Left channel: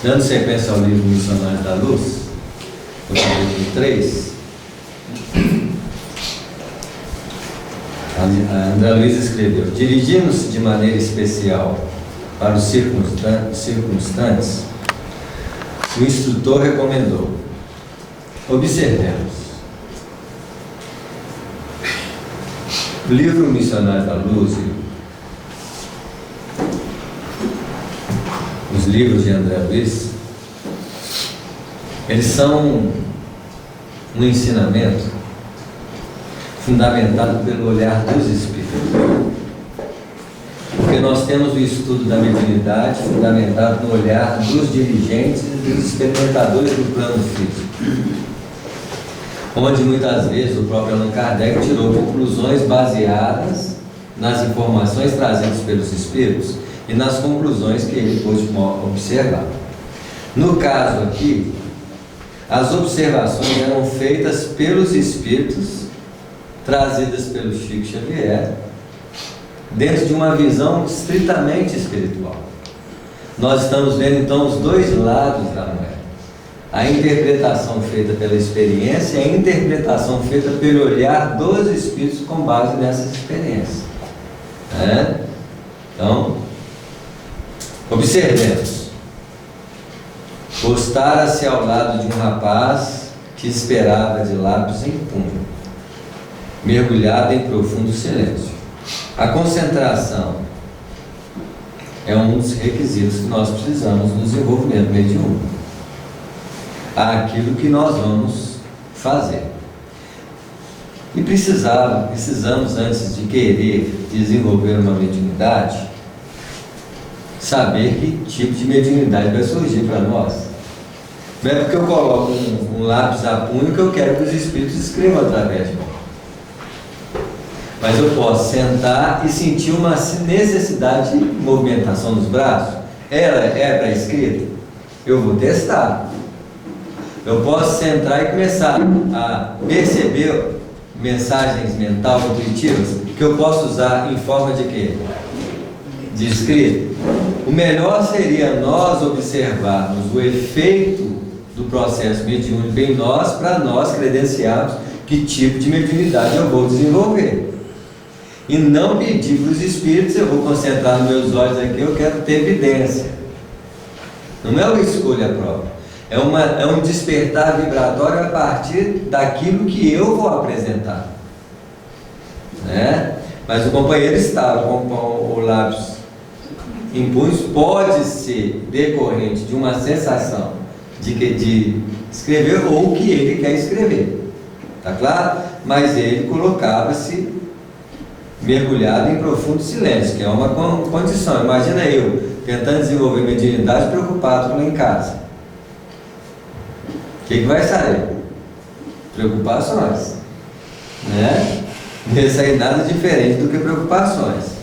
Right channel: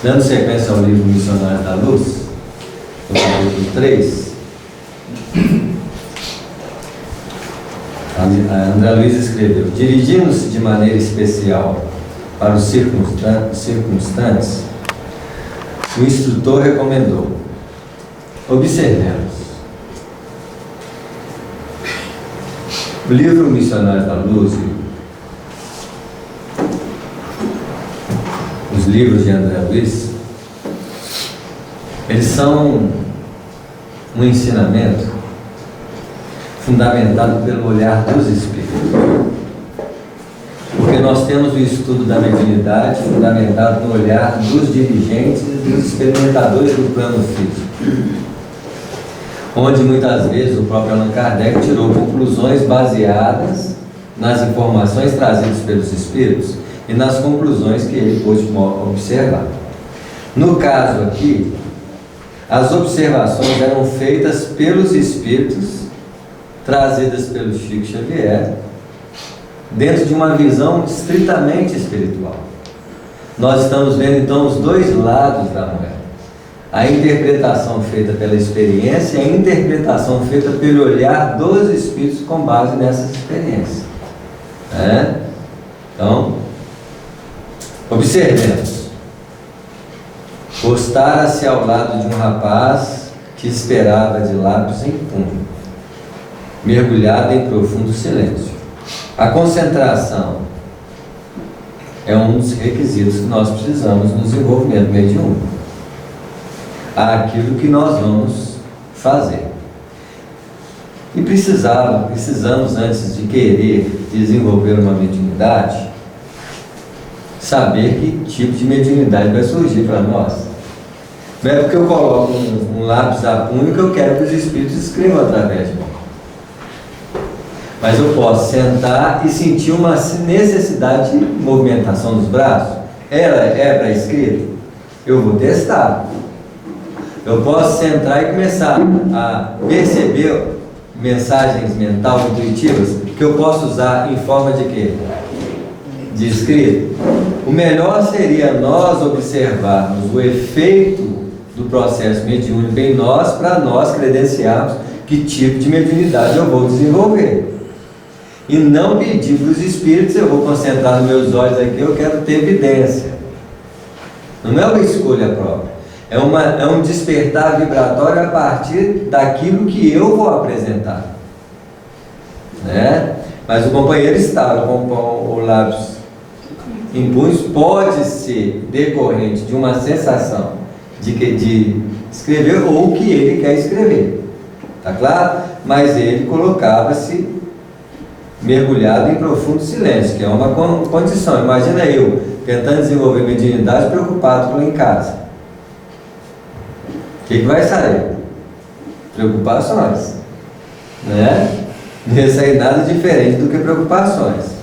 Dando sequência ao livro Missionários da Luz, no capítulo 3, André Luiz escreveu: dirigindo-se de maneira especial para os circunstantes, o instrutor recomendou: observemos. O livro Missionários da Luz, os livros de André Luiz, eles são um ensinamento fundamentado pelo olhar dos Espíritos. Porque nós temos o estudo da mediunidade fundamentado no olhar dos dirigentes e dos experimentadores do plano físico, onde muitas vezes o próprio Allan Kardec tirou conclusões baseadas nas informações trazidas pelos Espíritos e nas conclusões que ele pôde observar. No caso aqui, as observações eram feitas pelos Espíritos, trazidas pelo Chico Xavier, dentro de uma visão estritamente espiritual. Nós estamos vendo então os dois lados da moeda: a interpretação feita pela experiência e a interpretação feita pelo olhar dos Espíritos com base nessas experiências. Então, observemos. Postara-se ao lado de um rapaz que esperava de lábios em punho, mergulhado em profundo silêncio. A concentração é um dos requisitos que nós precisamos no desenvolvimento mediúnico. Aquilo que nós vamos fazer. E precisamos, antes de querer desenvolver uma mediunidade, saber que tipo de mediunidade vai surgir para nós. Não é porque eu coloco um lápis a punho que eu quero que os Espíritos escrevam através de mim. Mas eu posso sentar e sentir uma necessidade de movimentação dos braços. Ela é para escrita? Eu vou testar. Eu posso sentar e começar a perceber mensagens mentais intuitivas que eu posso usar em forma de quê? De escrita. O melhor seria nós observarmos o efeito do processo mediúnico em nós, para nós credenciarmos que tipo de mediunidade eu vou desenvolver. E não pedir para os Espíritos: eu vou concentrar nos meus olhos aqui, eu quero ter evidência. Não é uma escolha própria. É um despertar vibratório a partir daquilo que eu vou apresentar. Mas o companheiro estava com o lápis em punhos, pode ser decorrente de uma sensação de escrever ou que ele quer escrever. Tá claro? Mas ele colocava-se mergulhado em profundo silêncio, que é uma condição. Imagina eu tentando desenvolver mediunidade preocupado com em casa. O que vai sair? Preocupações, Não ia sair nada diferente do que preocupações.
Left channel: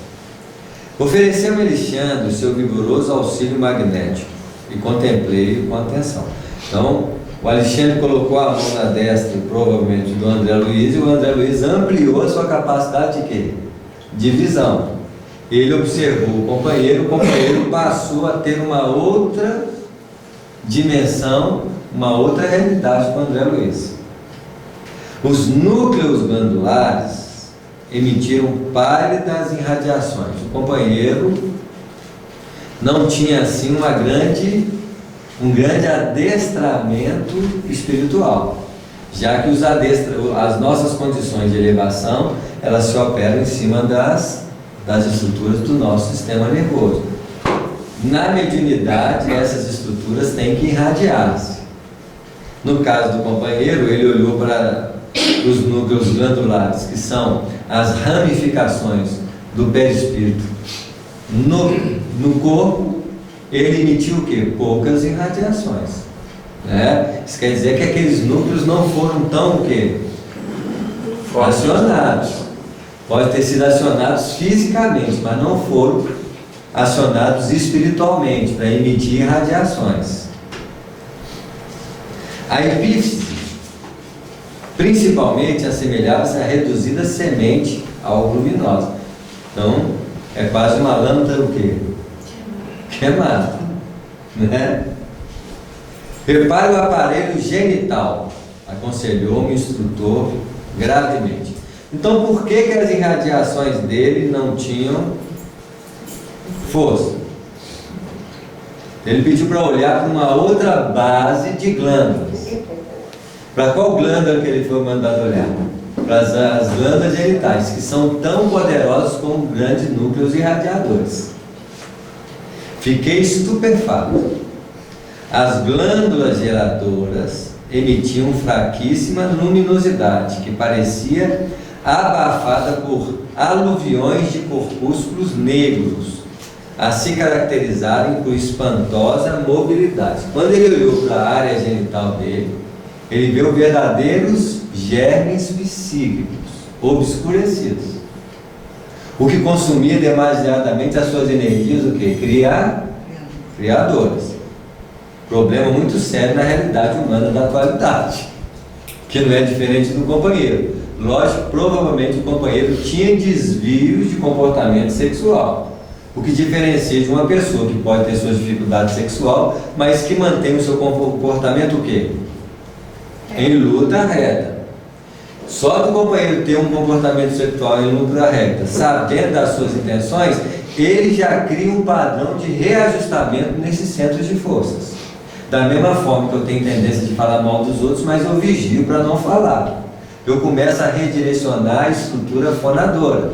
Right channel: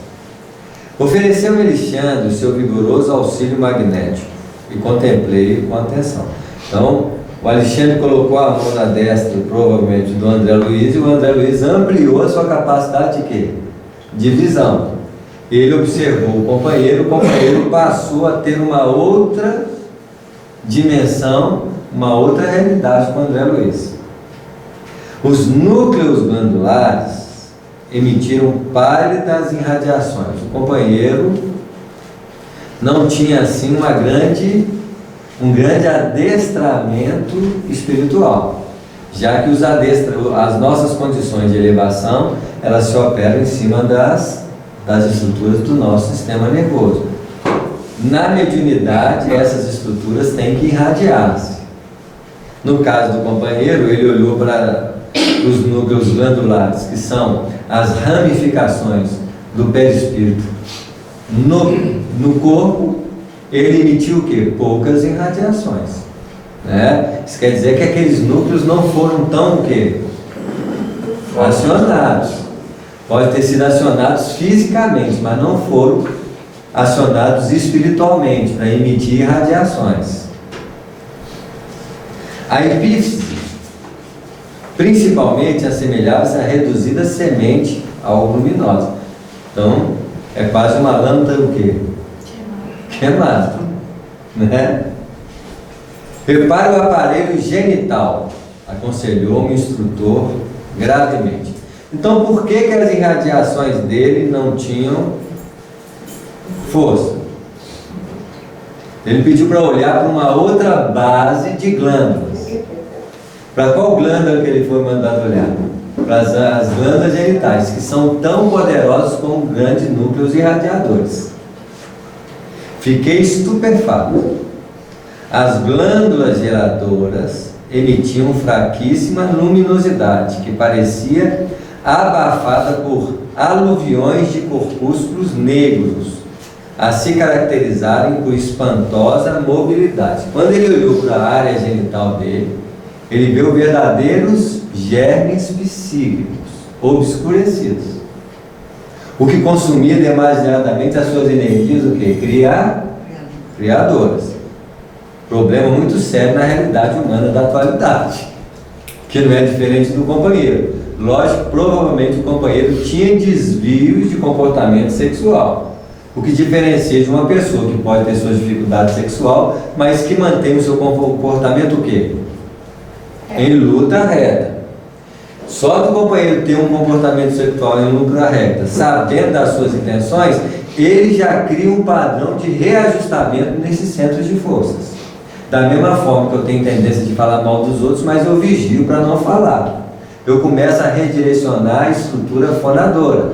Ofereceu-me Alexandre o seu vigoroso auxílio magnético e contemplei-o com atenção. Então, o Alexandre colocou a mão na destra, provavelmente do André Luiz, e o André Luiz ampliou a sua capacidade de quê? De visão. Ele observou o companheiro passou a ter uma outra dimensão, uma outra realidade com o André Luiz. Os núcleos glandulares emitiram pálidas irradiações. O companheiro não tinha assim um grande adestramento espiritual, já que as nossas condições de elevação, elas se operam em cima das estruturas do nosso sistema nervoso. Na mediunidade, essas estruturas têm que irradiar-se. No caso do companheiro, ele olhou para os núcleos glandulares, que são as ramificações do perispírito no corpo. Ele emitiu o quê? Poucas irradiações. Isso quer dizer que aqueles núcleos não foram tão o quê? Acionados. Pode ter sido acionados fisicamente, mas não foram acionados espiritualmente para emitir irradiações. A epífise principalmente assemelhava-se a reduzida semente algo luminosa. Então, é quase uma lâmpada o quê? Queimada, Repare o aparelho genital, aconselhou-me o instrutor gravemente. Então, por que as irradiações dele não tinham força? Ele pediu para olhar para uma outra base de glândulas. Para qual glândula que ele foi mandado olhar? Para as glândulas genitais, que são tão poderosas como grandes núcleos irradiadores. Fiquei estupefato. As glândulas geradoras emitiam fraquíssima luminosidade, que parecia abafada por aluviões de corpúsculos negros, a se caracterizarem por espantosa mobilidade. Quando ele olhou para a área genital dele, ele viu verdadeiros germes psíquicos, obscurecidos, o que consumia demasiadamente as suas energias, o quê? Criadoras. Problema muito sério na realidade humana da atualidade, que não é diferente do companheiro. Lógico, provavelmente o companheiro tinha desvios de comportamento sexual, o que diferencia de uma pessoa que pode ter suas dificuldades sexual, mas que mantém o seu comportamento o quê? Em luta reta. Só do companheiro ter um comportamento sexual em luta reta, sabendo das suas intenções, ele já cria um padrão de reajustamento nesses centros de forças. Da mesma forma que eu tenho tendência de falar mal dos outros, mas eu vigio para não falar. Eu começo a redirecionar a estrutura fonadora.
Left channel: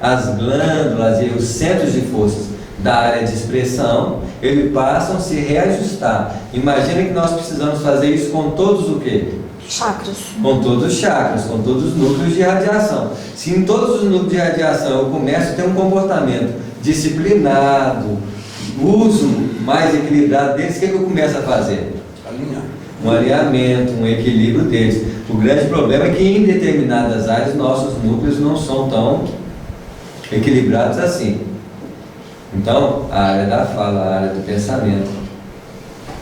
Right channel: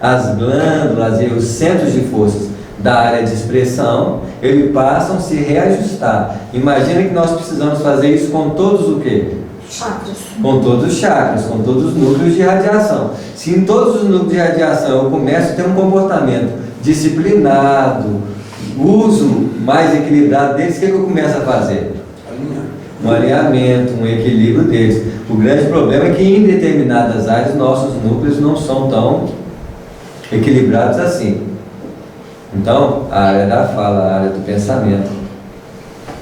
As glândulas e os centros de forças da área de expressão, eles passam a se reajustar. Imagina que nós precisamos fazer isso com todos o quê? Chakras. Com todos os chakras, com todos os núcleos de radiação. Se em todos os núcleos de radiação eu começo a ter um comportamento disciplinado, uso mais equilibrado deles, o que eu começo a fazer? Um alinhamento, um equilíbrio deles. O grande problema é que em determinadas áreas nossos núcleos não são tão equilibrados assim. Então, a área da fala, a área do pensamento,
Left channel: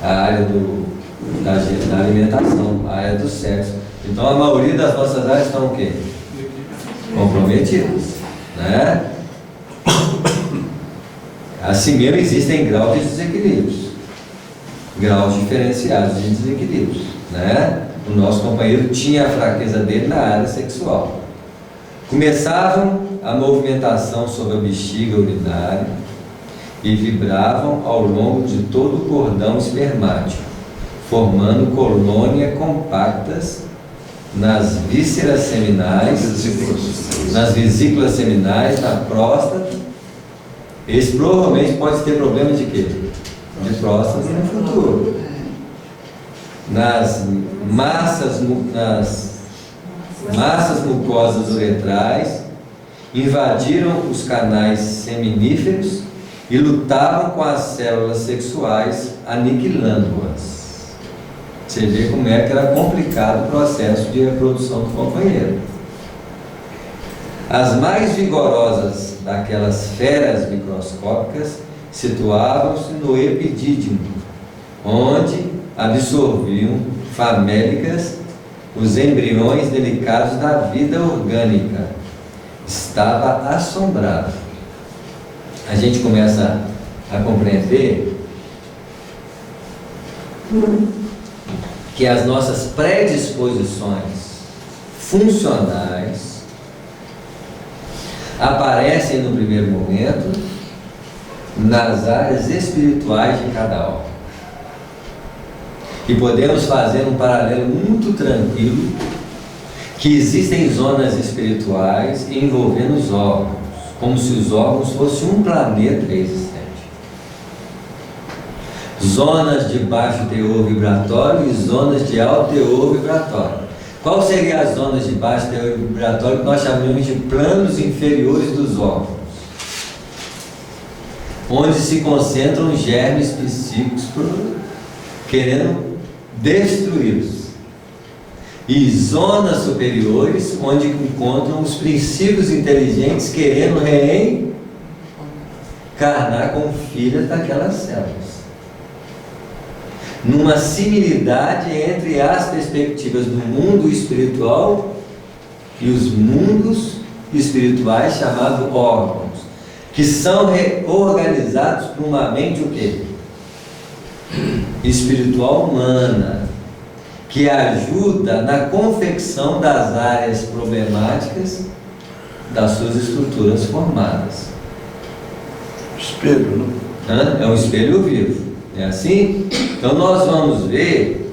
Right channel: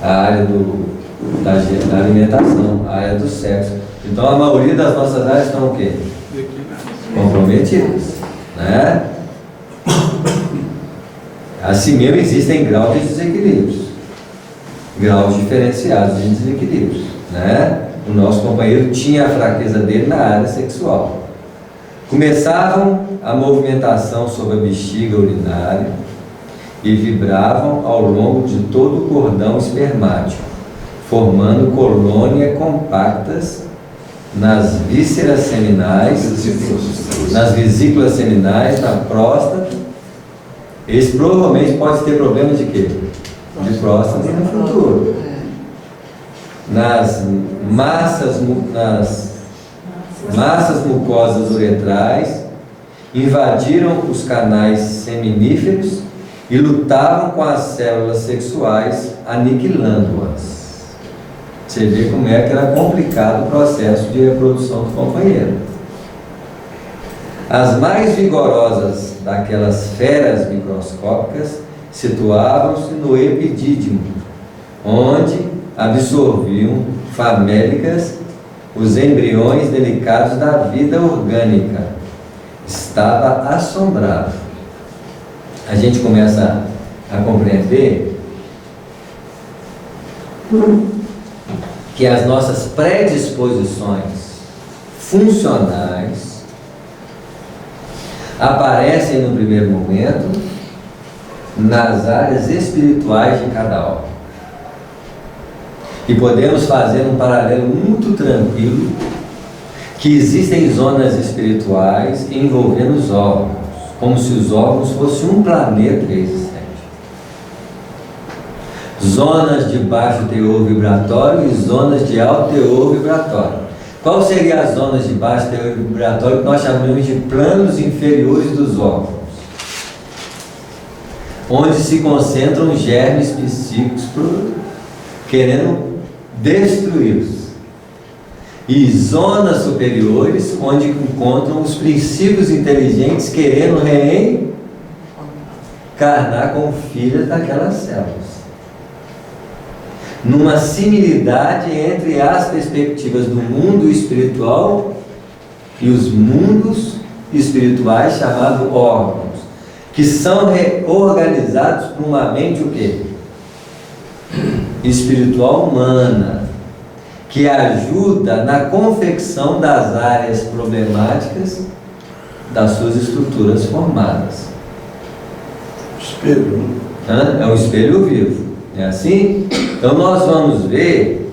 a área da alimentação, a área do sexo. Então, a maioria das nossas áreas estão o quê? Comprometidas, né? Assim mesmo existem graus de desequilíbrios, graus diferenciados de desequilíbrios, né? O nosso companheiro tinha a fraqueza dele na área sexual. Começavam a movimentação sobre a bexiga urinária e vibravam ao longo de todo o cordão espermático, formando colônias compactas nas vísceras seminais, nas vesículas seminais, na próstata. Esse provavelmente pode ter problema de quê? De próstata no futuro. Nas massas mucosas uretrais, invadiram os canais seminíferos e lutavam com as células sexuais, aniquilando-as. Você vê como é que era complicado o processo de reprodução do companheiro. As mais vigorosas daquelas feras microscópicas situavam-se no epidídimo, onde absorviam famélicas os embriões delicados da vida orgânica. Estava assombrado. A gente começa a compreender que as nossas predisposições funcionais aparecem no primeiro momento nas áreas espirituais de cada órgão. E podemos fazer um paralelo muito tranquilo, que existem zonas espirituais envolvendo os órgãos, como se os órgãos fossem um planeta existente. Zonas de baixo teor vibratório e zonas de alto teor vibratório. Qual seriam as zonas de baixo teor vibratório que nós chamamos de planos inferiores dos órgãos? Onde se concentram germes psíquicos querendo destruí-los. E zonas superiores, onde encontram os princípios inteligentes querendo reencarnar como filhas daquelas células. Numa similitude entre as perspectivas do mundo espiritual e os mundos espirituais chamados órgãos, que são reorganizados por uma mente o quê? espiritual humana, que ajuda na confecção das áreas problemáticas das suas estruturas formadas. Espelho, né? É um espelho vivo, é assim? Então nós vamos ver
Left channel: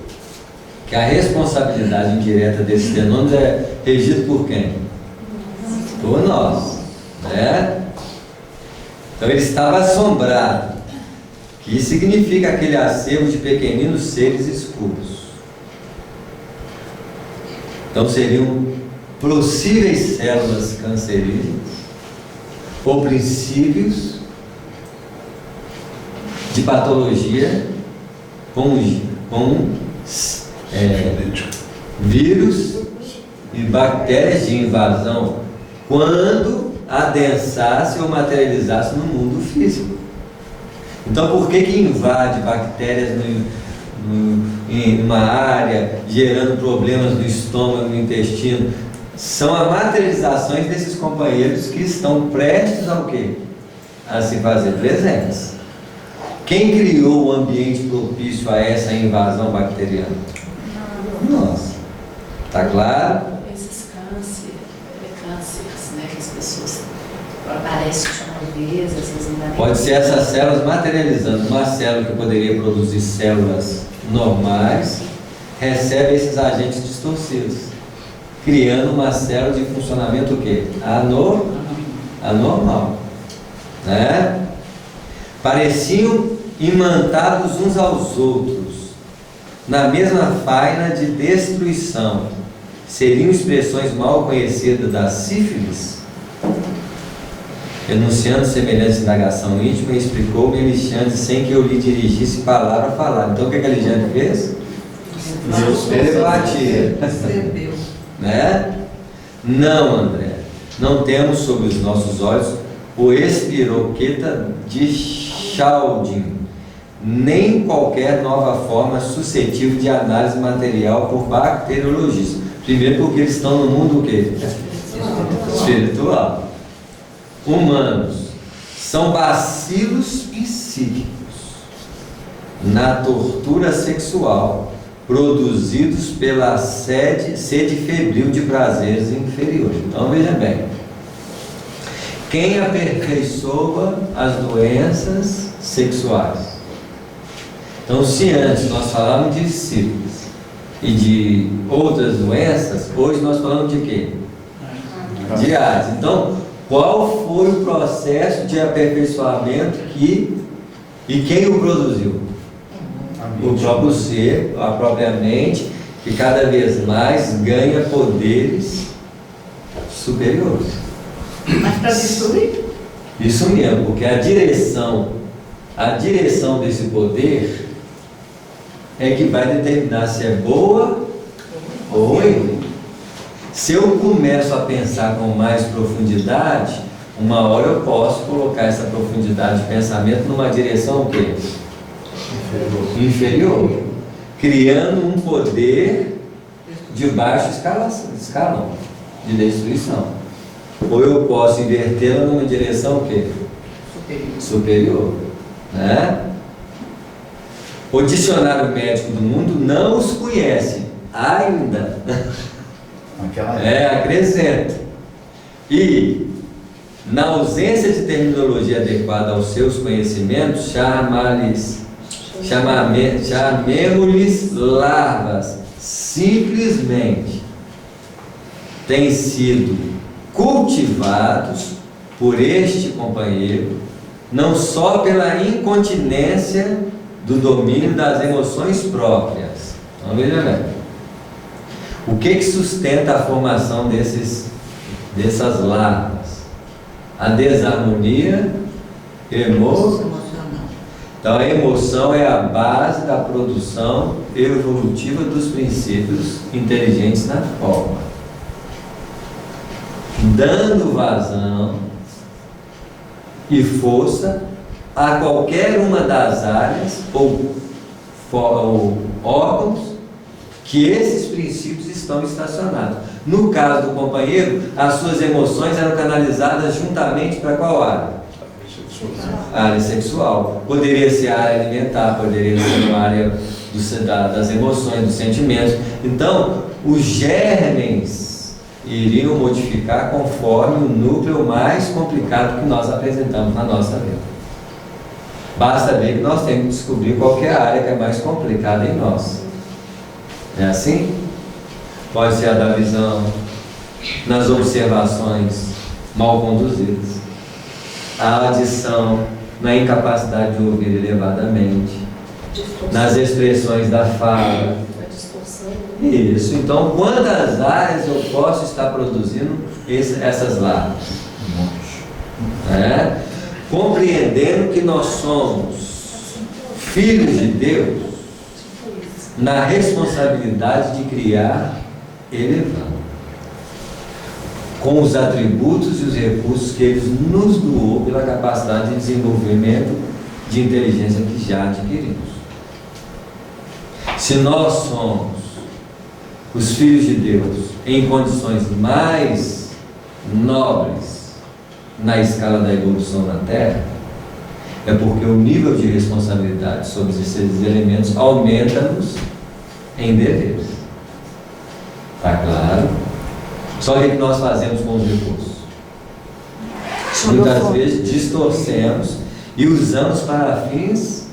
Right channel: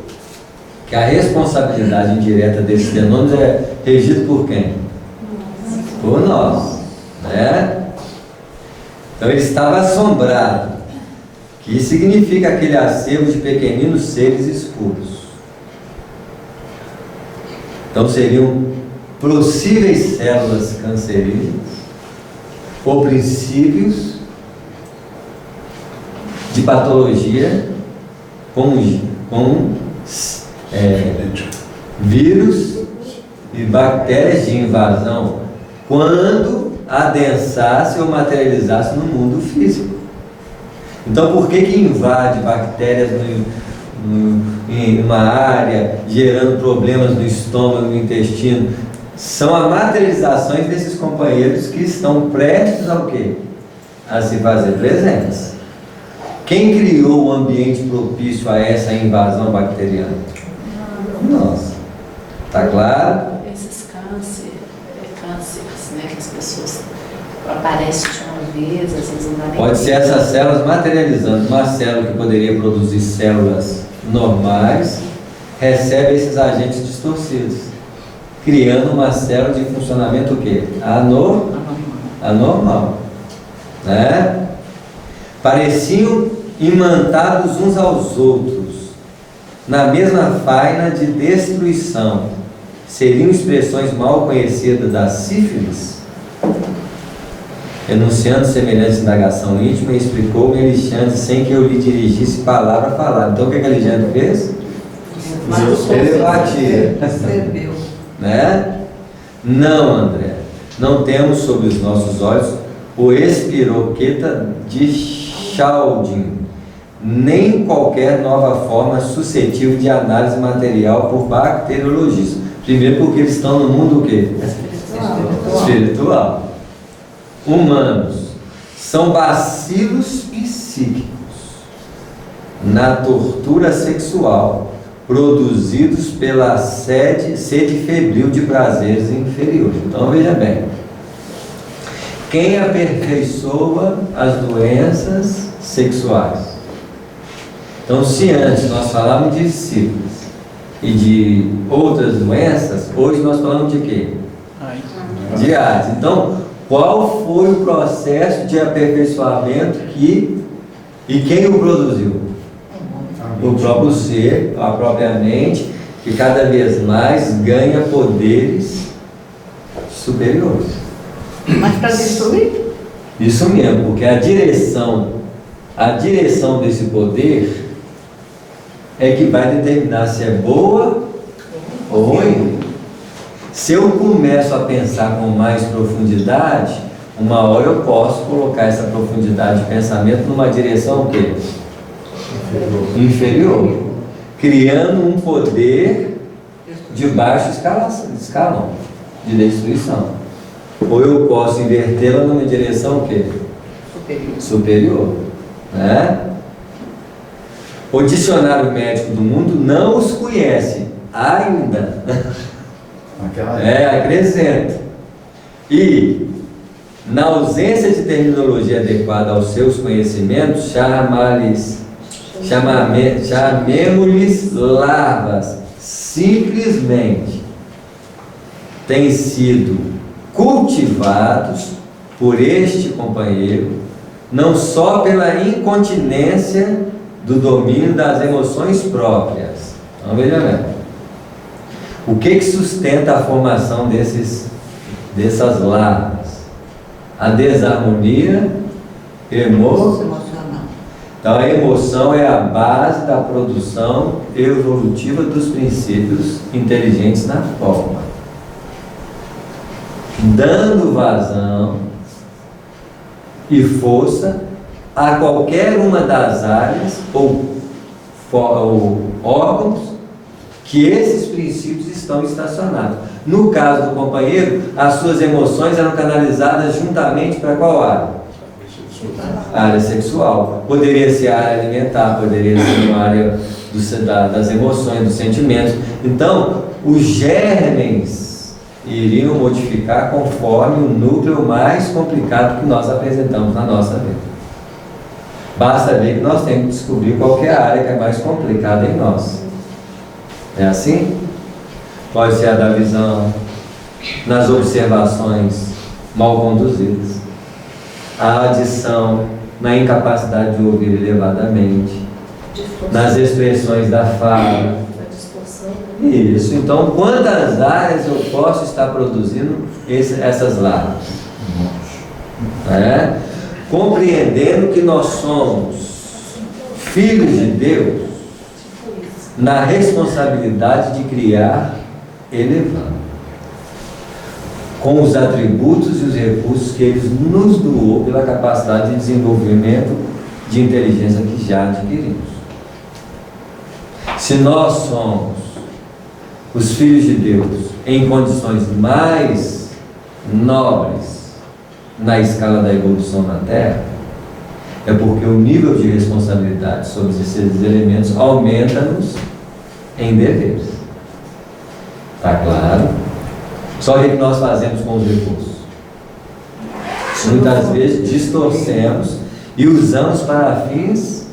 que a responsabilidade indireta desses fenômenos é regida por quem? Por nós, né? Então ele estava assombrado, que significa aquele acervo de pequeninos seres escuros. Então seriam possíveis células cancerígenas ou princípios de patologia com vírus e bactérias de invasão quando adensasse ou materializasse no mundo físico. Então por que invade bactérias em uma área, gerando problemas no estômago, no intestino? São as materializações desses companheiros que estão prestes ao quê? A se fazer presentes. Quem criou o ambiente propício a essa invasão bacteriana? Nós. Tá claro? Esses cânceres, né, que as pessoas aparecem de uma vez, às vezes não dá nem. Pode ser essas células materializando. Uma célula que poderia produzir células normais, recebe esses agentes distorcidos, criando uma célula de funcionamento o quê? Anormal. Né? Pareciam imantados uns aos outros, na mesma faina de destruição. Seriam expressões mal conhecidas da sífilis? Enunciando semelhante indagação íntima, explicou-me Alexandre sem que eu lhe dirigisse palavra a falar. Então o que Alexandre fez? Telepatia. Né? Não, André, não temos sob os nossos olhos o espiroqueta de Chaldin, nem qualquer nova forma suscetível de análise material por bacteriologistas. Primeiro porque eles estão no mundo o quê? Espiritual. Humanos são bacilos psíquicos na tortura sexual, produzidos pela sede febril de prazeres inferiores. Então veja bem, quem aperfeiçoa as doenças sexuais? Então, se antes nós falávamos de sífilis e de outras doenças, hoje nós falamos de quê? De AIDS. Então, qual foi o processo de aperfeiçoamento e quem o produziu? O próprio ser, a própria mente, que cada vez mais ganha poderes superiores. Mas para destruir? Isso mesmo, porque a direção desse poder é que vai determinar se é boa ou ruim. Se eu começo a pensar com mais profundidade, uma hora eu posso colocar essa profundidade de pensamento numa direção o quê? Inferior, criando um poder de baixo escalão de destruição. Ou eu posso invertê-la numa direção o quê? Superior. Né? O dicionário médico do mundo não os conhece ainda. Acrescenta. E, na ausência de terminologia adequada aos seus conhecimentos, chamemos-lhes larvas. Simplesmente têm sido cultivados por este companheiro, não só pela incontinência do domínio das emoções próprias. Então veja bem. O que sustenta a formação dessas larvas? A desarmonia emocional. Então a emoção é a base da produção evolutiva dos princípios inteligentes na forma, dando vazão e força a qualquer uma das áreas ou órgãos que esses princípios estão estacionados. No caso do companheiro, as suas emoções eram canalizadas juntamente para qual área? Área sexual. Poderia ser a área alimentar, poderia ser uma área das emoções, dos sentimentos. Então, os germes iriam modificar conforme o núcleo mais complicado que nós apresentamos na nossa vida. Basta ver que nós temos que descobrir qual que é a área que é mais complicada em nós. É assim? Pode ser a da visão, nas observações mal conduzidas, a adição na incapacidade de ouvir elevadamente, nas expressões da fala. Isso. Então, quantas áreas eu posso estar produzindo essas larvas? Compreendendo que nós somos filhos de Deus, na responsabilidade de criar elevando, com os atributos e os recursos que Ele nos doou pela capacidade de desenvolvimento de inteligência que já adquirimos. Se nós somos os filhos de Deus em condições mais nobres na escala da evolução na Terra, é porque o nível de responsabilidade sobre esses elementos aumenta-nos em deveres. Está claro? Só que o que nós fazemos com os recursos? Muitas vezes distorcemos e usamos para fins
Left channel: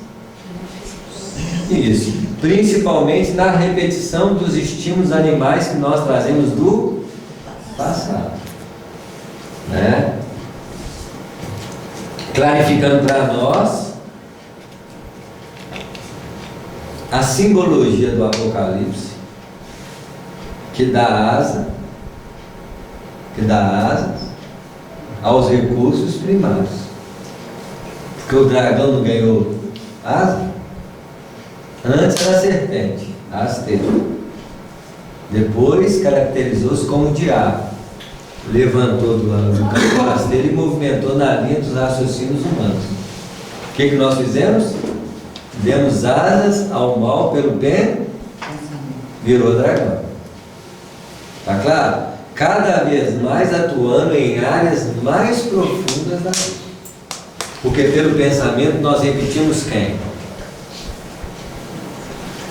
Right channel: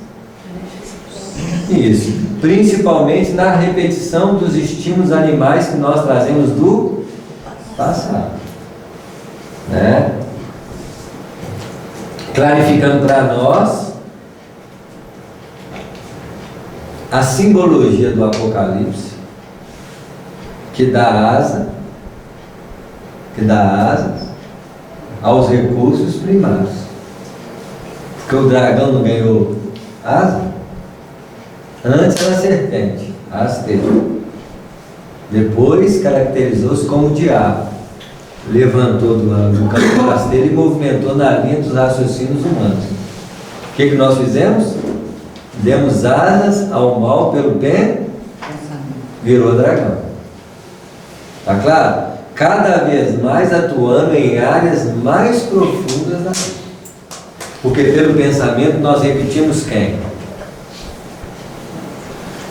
isso, principalmente na repetição dos estímulos animais que nós trazemos do passado, né? Clarificando para nós a simbologia do Apocalipse, que dá asas aos recursos primários. Porque o dragão não ganhou asa? Antes era a serpente, a rasteira. Depois caracterizou-se como o diabo. Levantou do campo da rasteira e movimentou na linha dos raciocínios humanos. O que nós fizemos? Demos asas ao mal pelo bem, virou dragão. Está claro? Cada vez mais atuando em áreas mais profundas da vida. Porque pelo pensamento nós repetimos quem?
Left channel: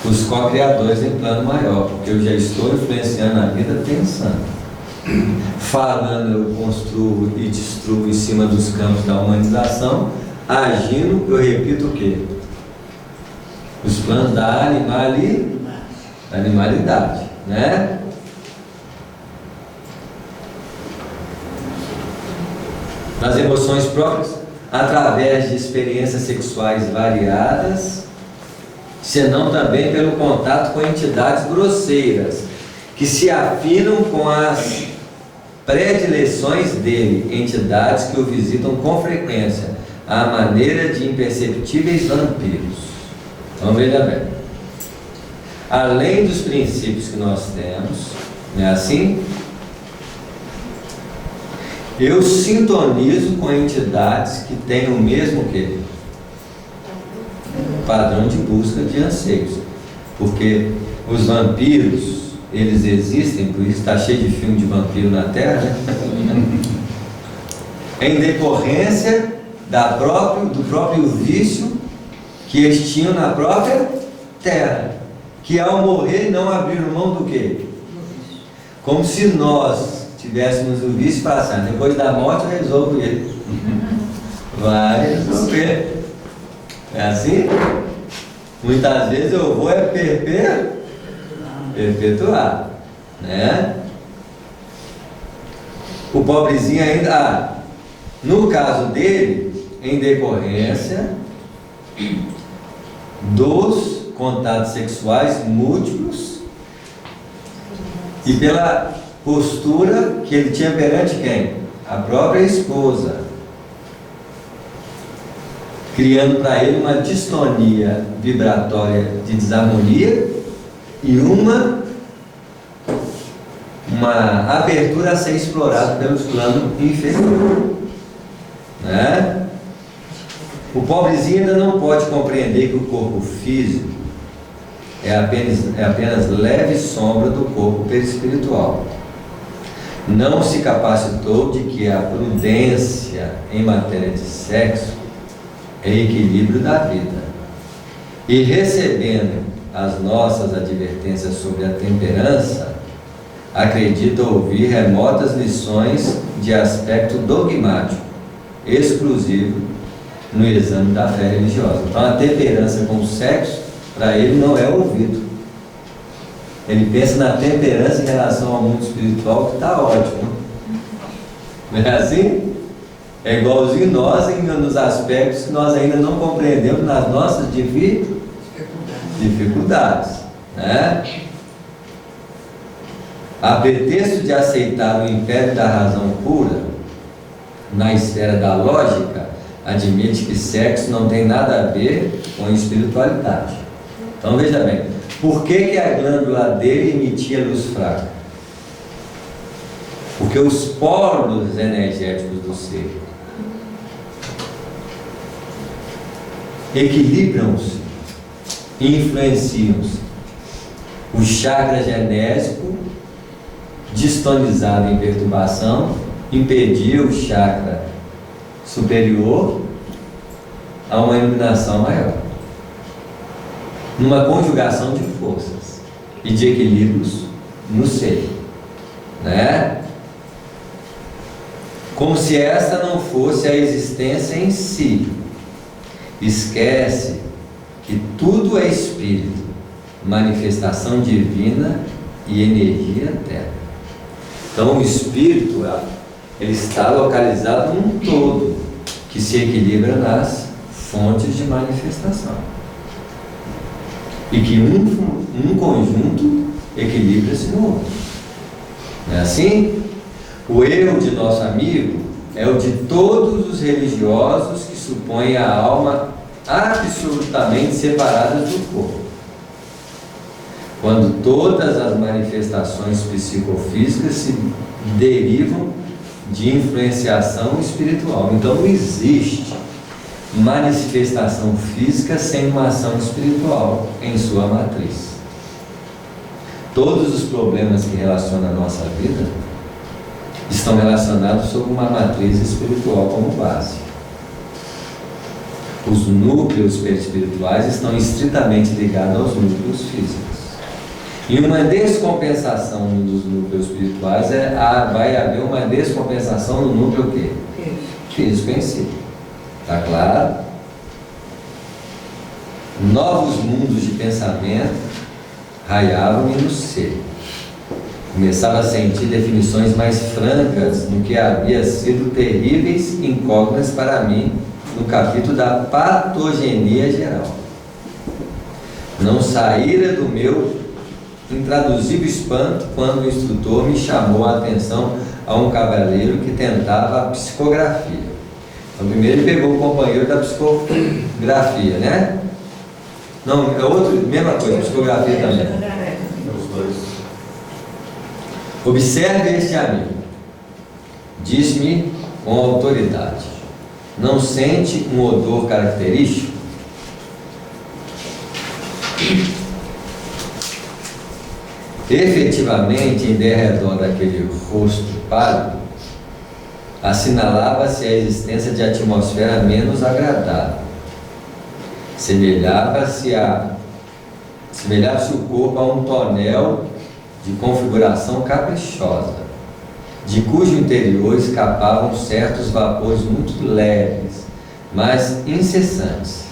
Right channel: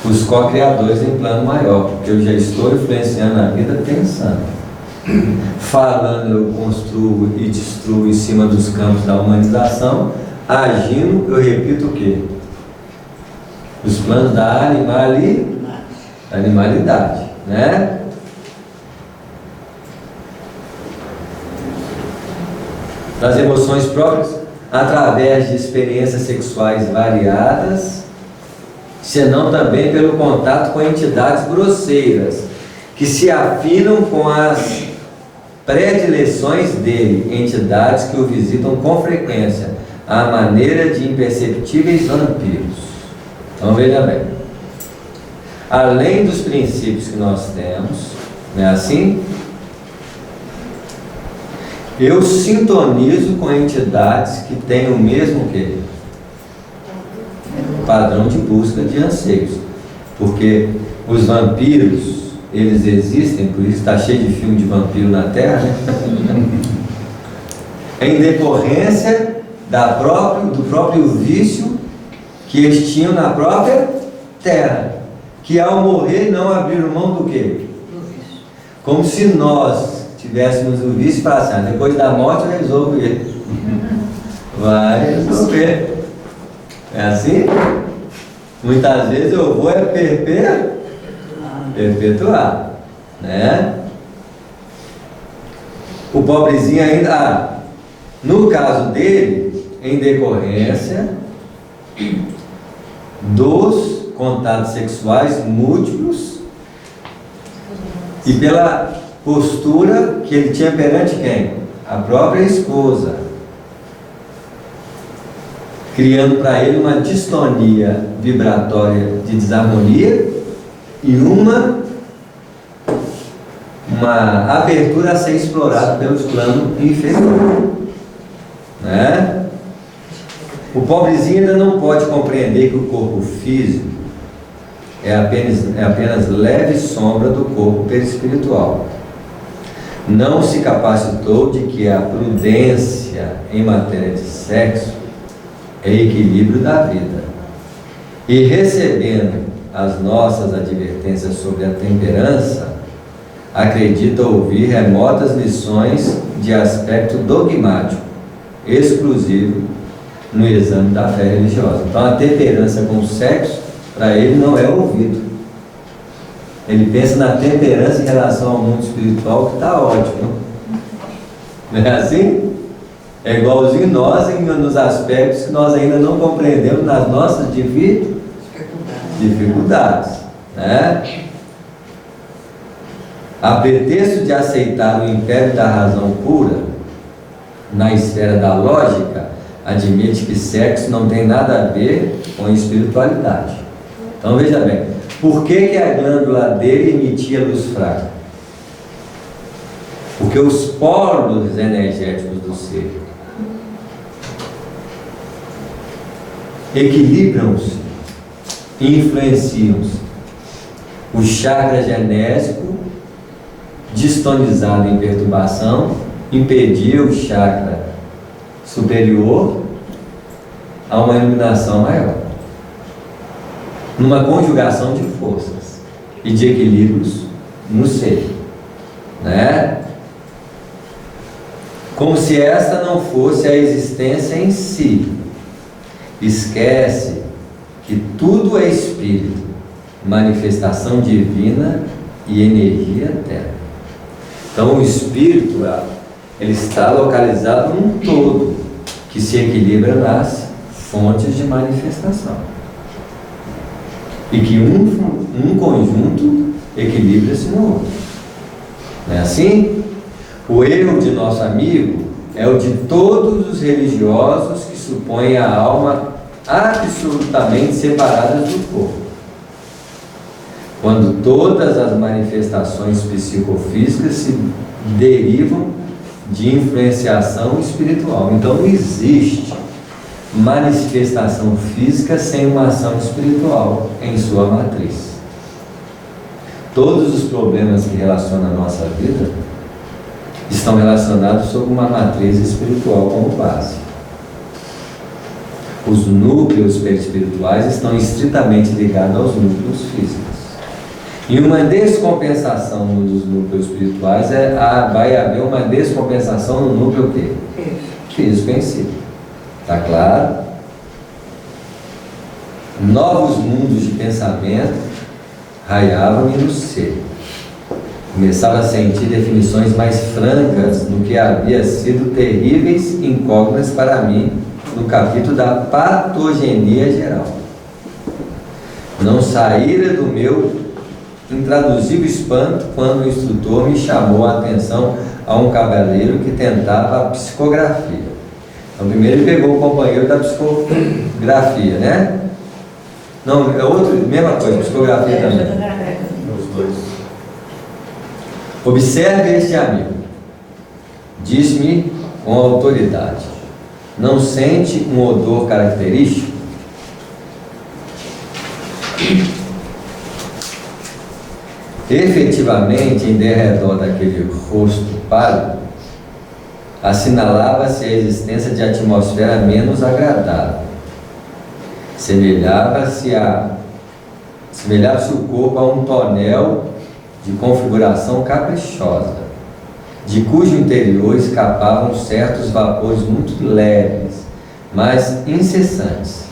Os co-criadores em plano maior, porque eu já estou influenciando a vida pensando. Falando eu construo e destruo em cima dos campos da humanização. Agindo eu repito o quê? Os planos da animalidade, né? Das emoções próprias, através de experiências sexuais variadas, senão também pelo contato com entidades grosseiras, que se afinam com as predileções dele, entidades que o visitam com frequência, à maneira de imperceptíveis vampiros. Então veja bem, além dos princípios que nós temos, não é assim? Eu sintonizo com entidades que têm o mesmo que? Padrão de busca de anseios. Porque os vampiros, eles existem, por isso está cheio de filme de vampiro na Terra, né? Em decorrência do próprio vício que eles tinham na própria Terra, que ao morrer não abriram mão do quê? Como se nós tivéssemos o vício e falasse, depois da morte eu resolvo ele. Vai resolver. É assim? Muitas vezes eu vou perpetuar, né? O pobrezinho ainda, no caso dele, em decorrência dos contatos sexuais múltiplos e pela postura que ele tinha perante quem? A própria esposa, criando para ele uma distonia vibratória de desarmonia e uma abertura a ser explorada pelos planos inferiores, né? O pobrezinho ainda não pode compreender que o corpo físico é apenas leve sombra do corpo perispiritual. não se capacitou de que a prudência em matéria de sexo é equilíbrio da vida. E recebendo as nossas advertências sobre a temperança, acredita ouvir remotas lições de aspecto dogmático, exclusivo no exame da fé religiosa. Então a temperança com o sexo, para ele, não é ouvido. Ele pensa na temperança em relação ao mundo espiritual, que está ótimo. Não é assim? É igualzinho nós nos aspectos que nós ainda não compreendemos nas nossas dificuldades, né? A pretexto de aceitar o império da razão pura na esfera da lógica, admite que sexo não tem nada a ver com espiritualidade. Então veja bem, por que a glândula dele emitia luz fraca? Porque os polos energéticos do ser equilibram-se, influenciam-se. O chakra genésico, distonizado em perturbação, impedia o chakra superior a uma iluminação maior, numa conjugação de forças e de equilíbrios no ser, né? Como se esta não fosse a existência em si. Esquece que tudo é espírito, manifestação divina e energia eterna. Então o espírito, ele está localizado num todo que se equilibra nas fontes de manifestação, e que um conjunto equilibra-se no outro. Não é assim? O erro de nosso amigo é o de todos os religiosos que supõem a alma absolutamente separada do corpo, quando todas as manifestações psicofísicas se derivam de influenciação espiritual. Então não existe manifestação física sem uma ação espiritual em sua matriz. Todos os problemas que relacionam a nossa vida estão relacionados sob uma matriz espiritual como base. Os núcleos perispirituais estão estritamente ligados aos núcleos físicos. E uma descompensação dos núcleos espirituais vai haver uma descompensação no núcleo quê? Físico em si. Está claro? Novos mundos de pensamento raiavam-me no ser. Começava a sentir definições mais francas no que havia sido terríveis incógnitas para mim no capítulo da patogenia geral. Não saíra do meu intraduzível espanto quando o instrutor me chamou a atenção a um cavaleiro que tentava a psicografia. Então primeiro ele pegou o companheiro da psicografia, né? Não, é outra, mesma coisa, psicografia também. Os dois. Observe este amigo, disse-me com autoridade, não sente um odor característico? Efetivamente, em derredor daquele rosto pálido, assinalava-se a existência de atmosfera menos agradável. Semelhava-se o corpo a um tonel de configuração caprichosa, de cujo interior escapavam certos vapores muito leves, mas incessantes.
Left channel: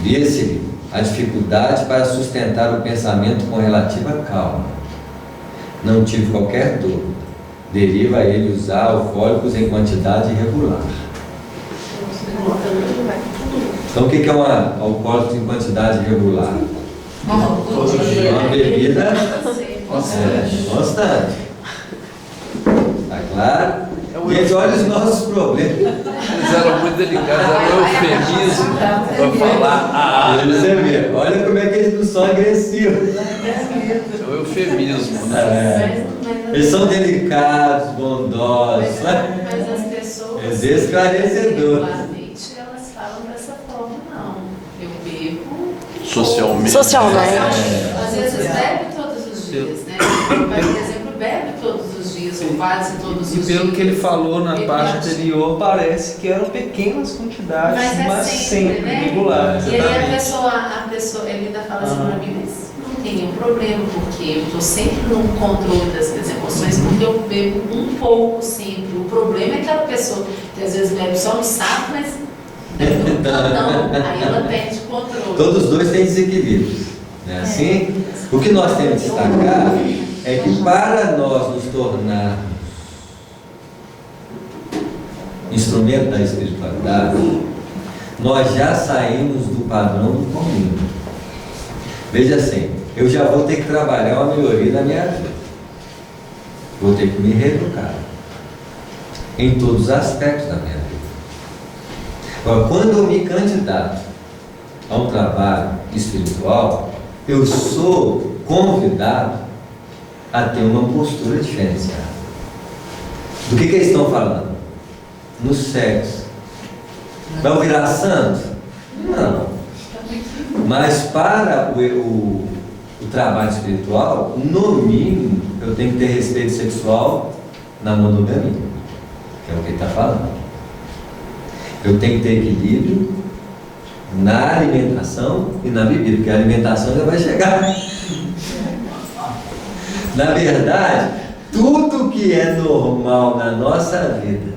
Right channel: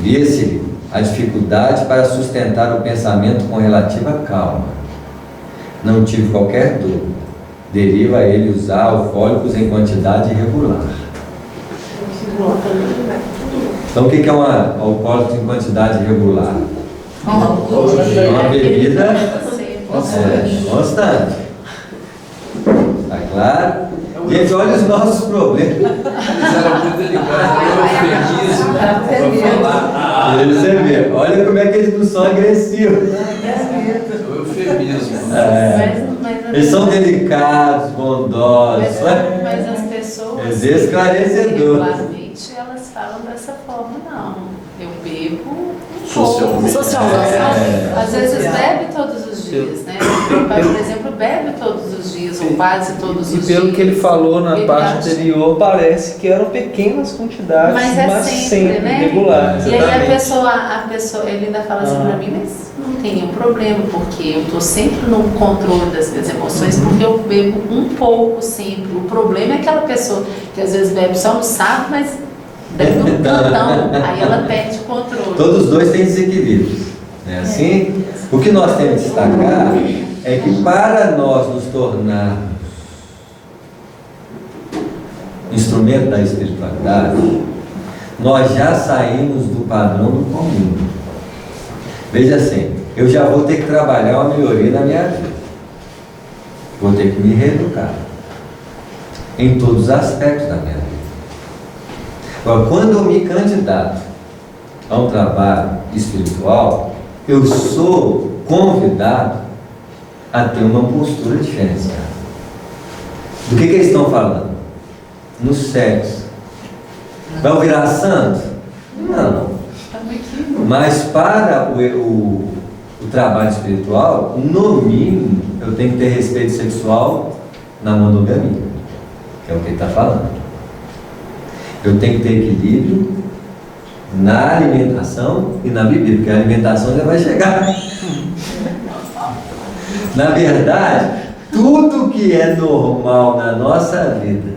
Via-se-lhe a dificuldade para sustentar o pensamento com relativa calma. Não tive qualquer dúvida. Deriva a ele usar alcoólicos em quantidade irregular. Então o que é um alcoólico em quantidade irregular? Uma bebida constante. Está claro? Gente, olha os nossos problemas. Eles eram muito delicados, era eufemismo para falar. Você vê, olha como é que eles não são agressivos. É o eufemismo. Eles são delicados, bondosos. Mas as pessoas esclarecedor. regularmente elas falam dessa forma, não. Eu bebo Socialmente. Às vezes bebe todos os dias, né? O pai, por exemplo, bebe todos os dias, quase todos os E pelo dias. que ele falou na Eu parte acho. anterior, parece que eram pequenas quantidades, Mas é sempre, né? regulares. E aí Exatamente. a pessoa, ele ainda fala assim pra mim, mas não tem um problema, porque eu tô sempre no controle das minhas emoções, porque eu bebo um pouco sempre. O problema é aquela pessoa que às vezes bebe só no saco, mas bebe um tantão, aí ela perde o controle. Todos os dois têm desequilíbrios. Não é assim? O que nós temos que destacar é que para nós nos tornarmos instrumento da espiritualidade, nós já saímos do padrão do comum. Veja assim, eu já vou ter que trabalhar uma melhoria na minha vida. Vou ter que me reeducar em todos os aspectos da minha vida. Agora, quando eu me candidato a um trabalho espiritual, eu sou convidado a ter uma postura diferenciada. Do que eles estão falando? No sexo. Vai virar santo? Não. Mas para o trabalho espiritual, no mínimo, eu tenho que ter respeito sexual na monogamia, que é o que ele está falando. Eu tenho que ter equilíbrio na alimentação e na bebida, porque a alimentação já vai chegar. Na verdade, tudo que é normal na nossa vida,